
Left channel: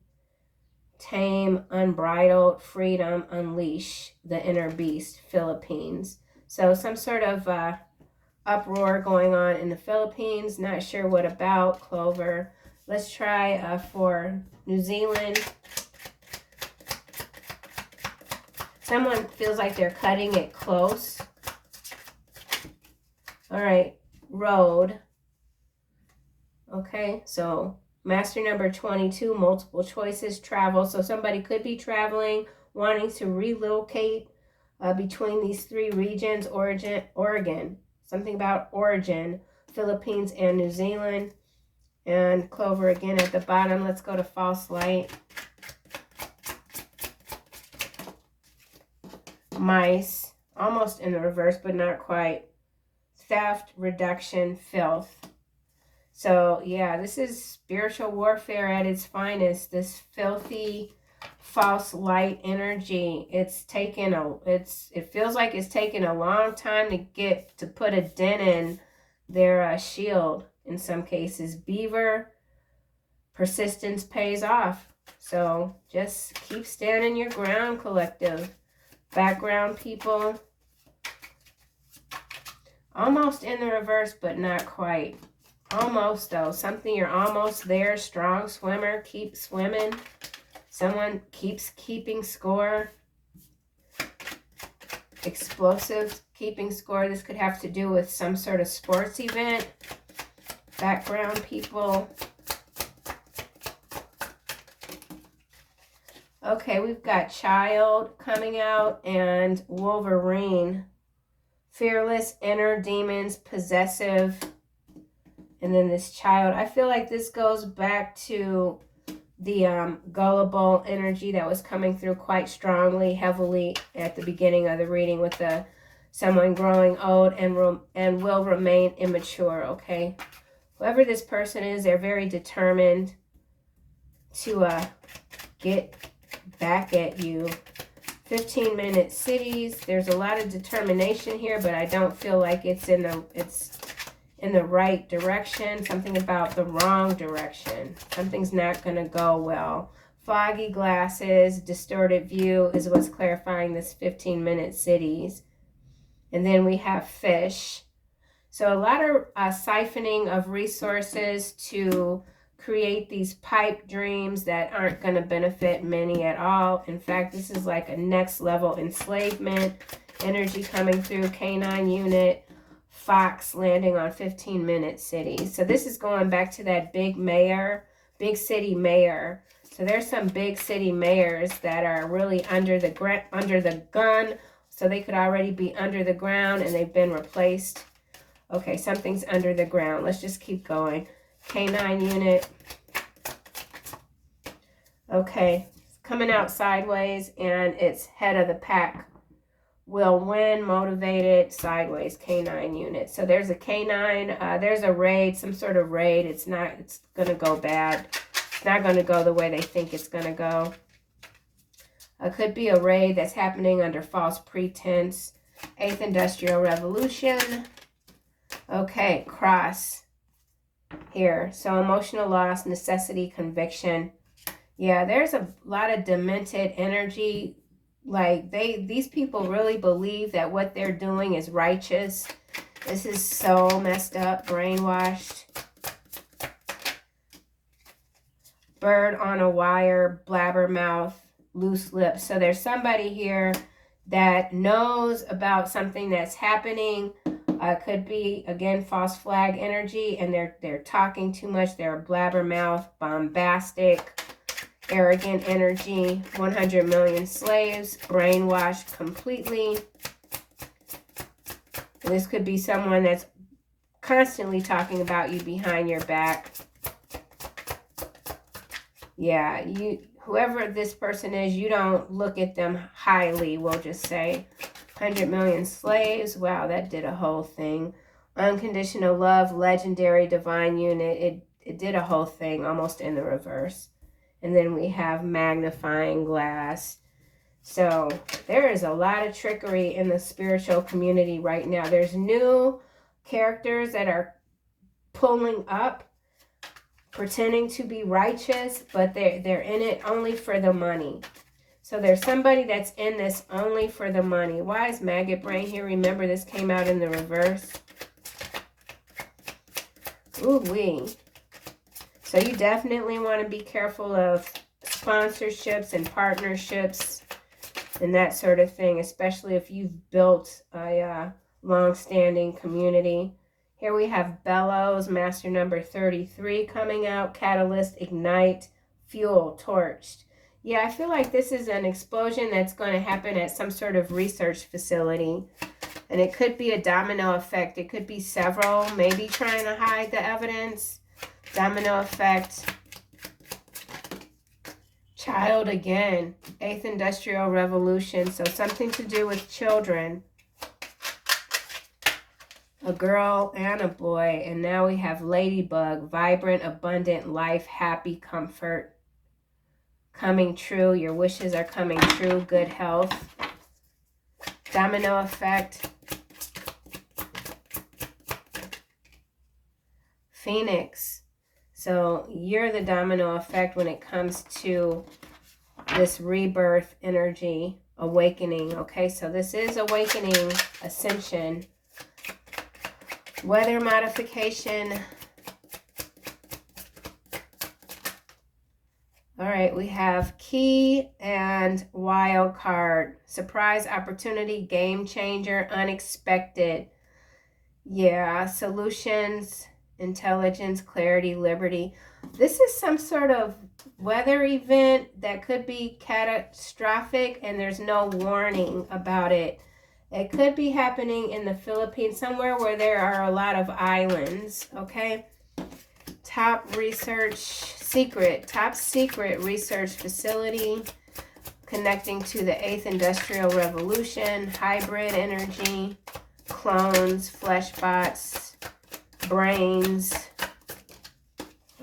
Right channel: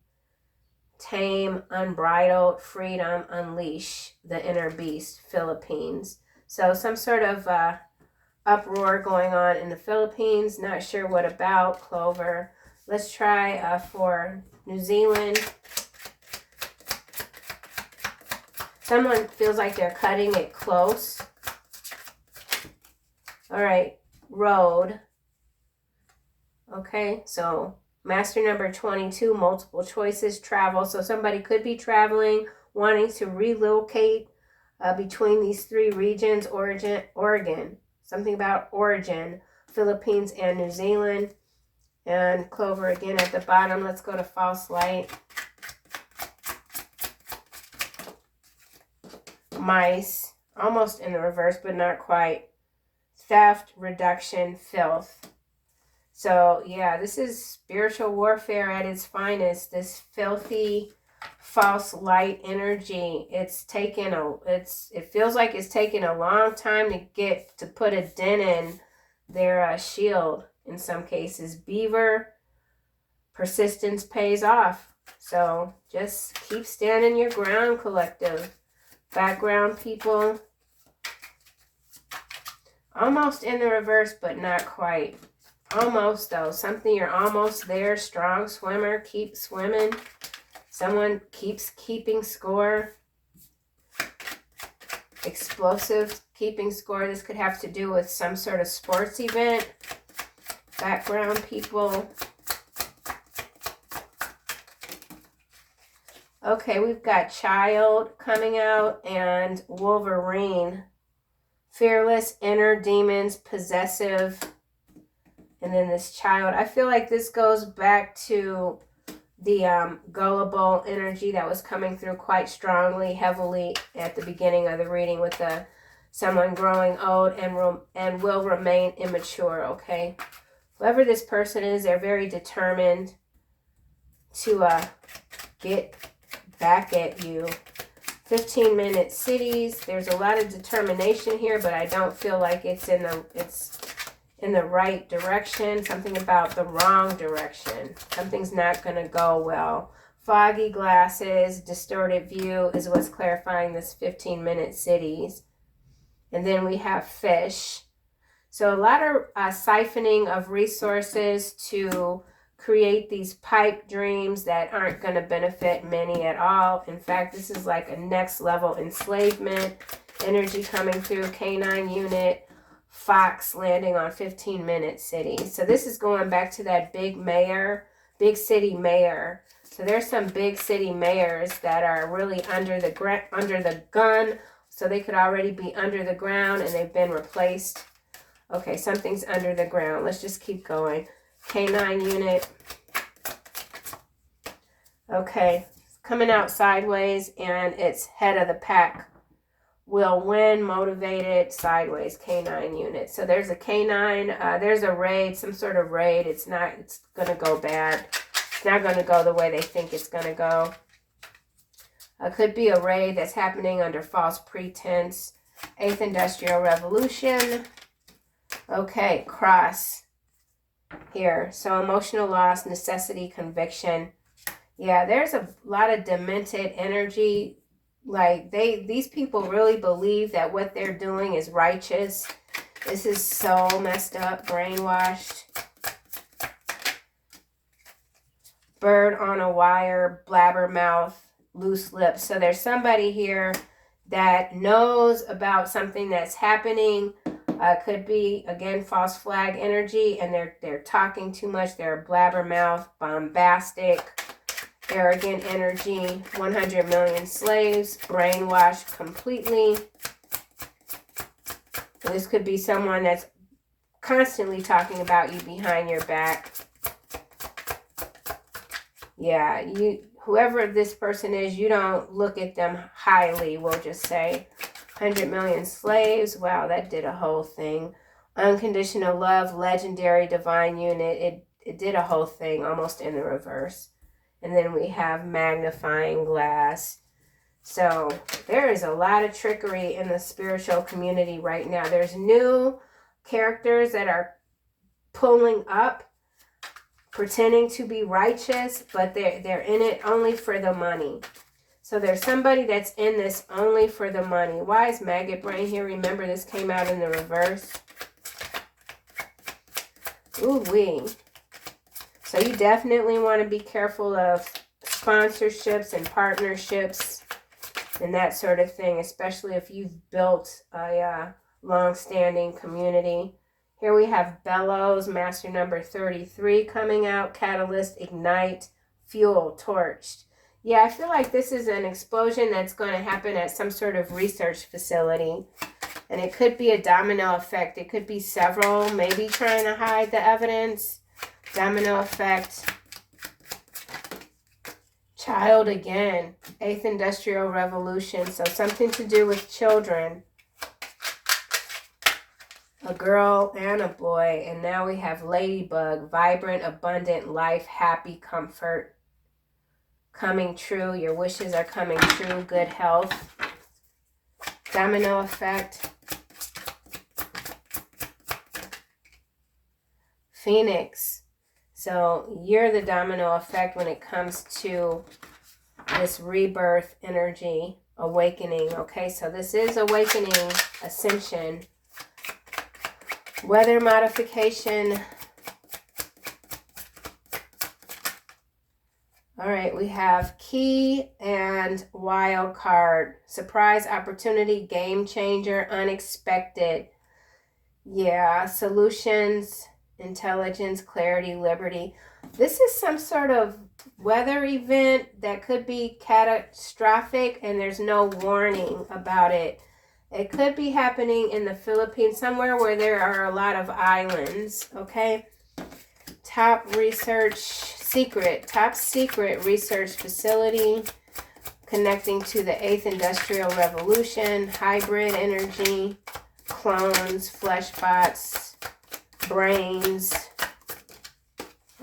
Tame, unbridled, freedom, unleash the inner beast, Philippines. So some sort of uproar going on in the Philippines. Not sure what about. Clover. Let's try for New Zealand. Someone feels like they're cutting it close. All right, road. Okay, so master number 22, multiple choices, travel. So somebody could be traveling, wanting to relocate between these three regions, Oregon. Something about origin, Philippines and New Zealand. And Clover again at the bottom. Let's go to false light. Mice, almost in the reverse, but not quite. Theft, reduction, filth. So, yeah, this is spiritual warfare at its finest. This filthy, false light energy. It feels like it's taken a long time to put a dent in their shield in some cases. Beaver, persistence pays off. So just keep standing your ground, collective. Background people. Almost in the reverse, but not quite. Almost, though. Something you're almost there. Strong swimmer. Keep swimming. Someone keeps keeping score. Explosive keeping score. This could have to do with some sort of sports event. Background people. Okay, we've got child coming out and Wolverine. Fearless, inner demons, possessive. And then this child. I feel like this goes back to the gullible energy that was coming through quite strongly, heavily at the beginning of the reading with the someone growing old and will remain immature, okay? Whoever this person is, they're very determined to get back at you. 15-minute cities. There's a lot of determination here, but I don't feel like it's in the right direction. Something about the wrong direction. Something's not going to go well. Foggy glasses, distorted view is what's clarifying this 15-minute cities. And then we have fish. So a lot of siphoning of resources to create these pipe dreams that aren't going to benefit many at all. In fact, this is like a next level enslavement. Energy coming through. Canine unit. Fox landing on 15-minute cities. So this is going back to that big mayor, big city mayor. So there's some big city mayors that are really under the gun. So they could already be under the ground and they've been replaced. Okay, something's under the ground. Let's just keep going. Canine unit. Okay, it's coming out sideways and it's head of the pack. Will win, motivated, sideways, canine unit. So there's a canine, there's a raid, some sort of raid. It's going to go bad. It's not going to go the way they think it's going to go. It could be a raid that's happening under false pretense. 8th Industrial Revolution. Okay, cross here. So emotional loss, necessity, conviction. Yeah, there's a lot of demented energy. Like these people really believe that what they're doing is righteous. This is so messed up, brainwashed. Bird on a wire, blabbermouth, loose lips. So there's somebody here that knows about something that's happening. Could be, again, false flag energy, and they're talking too much. They're a blabbermouth, bombastic, arrogant energy. 100 million slaves, brainwashed completely. This could be someone that's constantly talking about you behind your back. Yeah, whoever this person is, you don't look at them highly, we'll just say. 100 million slaves. Wow, that did a whole thing. Unconditional love, legendary divine unit. It did a whole thing almost in the reverse. And then we have magnifying glass. So there is a lot of trickery in the spiritual community right now. There's new characters that are pulling up, pretending to be righteous, but they're in it only for the money. So there's somebody that's in this only for the money. Why is maggot brain here? Remember, this came out in the reverse. Ooh-wee. So you definitely want to be careful of sponsorships and partnerships and that sort of thing, especially if you've built a long-standing community. Here we have bellows, master number 33 coming out, catalyst, ignite, fuel, torched. Yeah, I feel like this is an explosion that's going to happen at some sort of research facility. And it could be a domino effect. It could be several, maybe trying to hide the evidence. Domino effect. Child again. 8th Industrial Revolution. So something to do with children. A girl and a boy. And now we have ladybug. Vibrant, abundant life, happy, comfort. Coming true. Your wishes are coming true. Good health. Domino effect. Phoenix. So you're the domino effect when it comes to this rebirth energy, awakening. Okay, so this is awakening, ascension, weather modification. All right, we have key and wild card. Surprise opportunity, game changer, unexpected. Yeah, solutions, intelligence, clarity, liberty. This is some sort of weather event that could be catastrophic and there's no warning about it. It could be happening in the Philippines, somewhere where there are a lot of islands, okay? Top secret research facility connecting to the 8th Industrial Revolution, hybrid energy, clones, flesh bots, brains.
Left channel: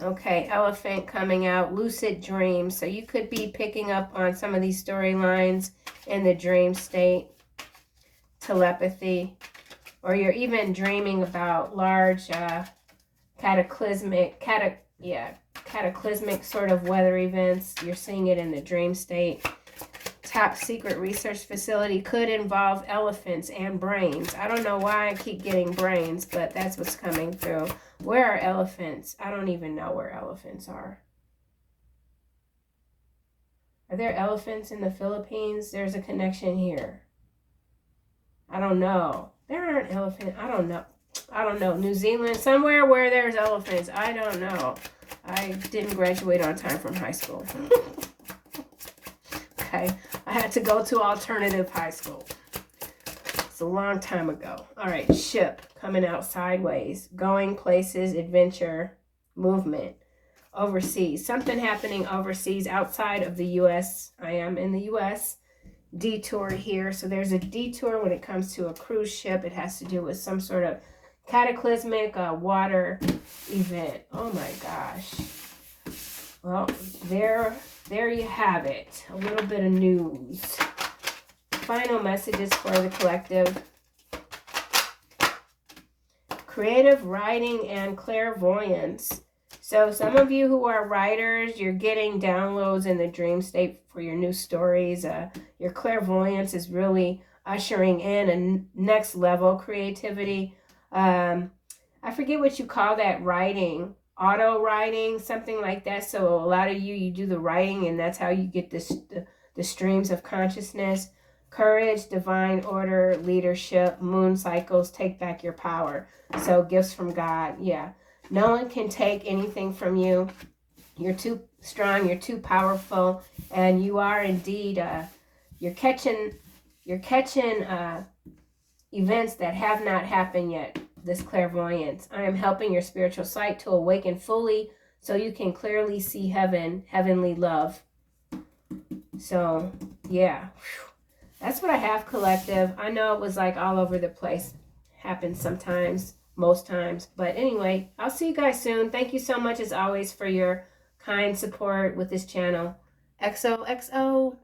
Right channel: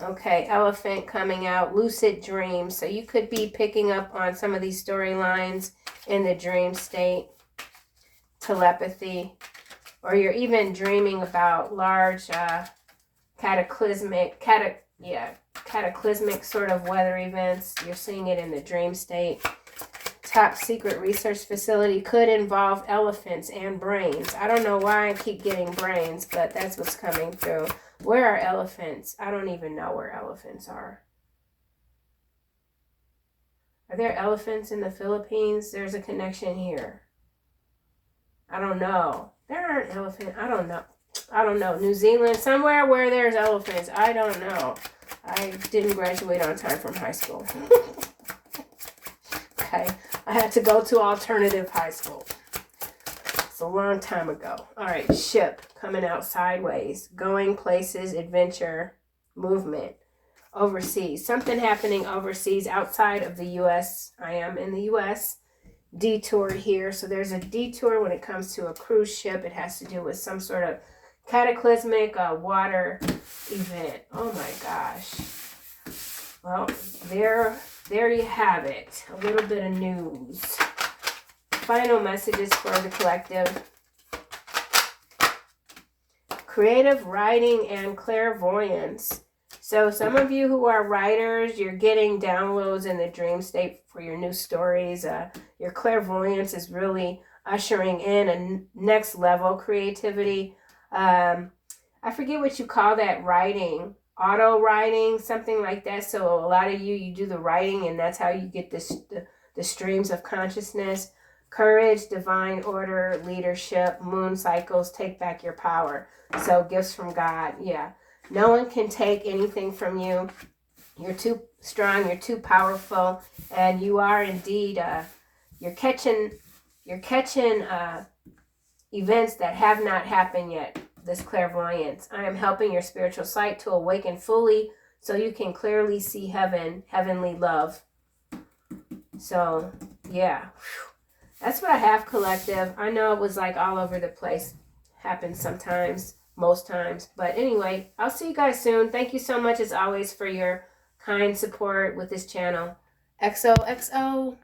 Okay, elephant coming out, lucid dreams. So you could be picking up on some of these storylines in the dream state, telepathy, or you're even dreaming about large cataclysmic sort of weather events. You're seeing it in the dream state. Top secret research facility could involve elephants and brains. I don't know why I keep getting brains, but that's what's coming through. Where are elephants? I don't even know where elephants are. Are there elephants in the Philippines? There's a connection here. I don't know. There aren't elephants. I don't know. New Zealand, somewhere where there's elephants. I don't know. I didn't graduate on time from high school. Okay. I had to go to alternative high school. It's a long time ago. All right. Ship coming out sideways. Going places, adventure, movement. Overseas. Something happening overseas outside of the U.S. I am in the U.S. Detour here. So there's a detour when it comes to a cruise ship. It has to do with some sort of cataclysmic water event. Oh my gosh. Well, there you have it. A little bit of news. Final messages for the collective. Creative writing and clairvoyance. So some of you who are writers, you're getting downloads in the dream state for your new stories. Your clairvoyance is really ushering in a next level creativity. I forget what you call that writing. Auto writing, something like that. So a lot of you do the writing and that's how you get the streams of consciousness. Courage, divine order, leadership, moon cycles, take back your power. So gifts from God. Yeah. No one can take anything from you. You're too strong, you're too powerful, and you are indeed you're catching events that have not happened yet. This clairvoyance. I am helping your spiritual sight to awaken fully so you can clearly see heaven, heavenly love. So, yeah. That's what I have, collective. I know it was like all over the place. Happens sometimes, most times. But anyway, I'll see you guys soon. Thank you so much as always for your kind support with this channel. XOXO.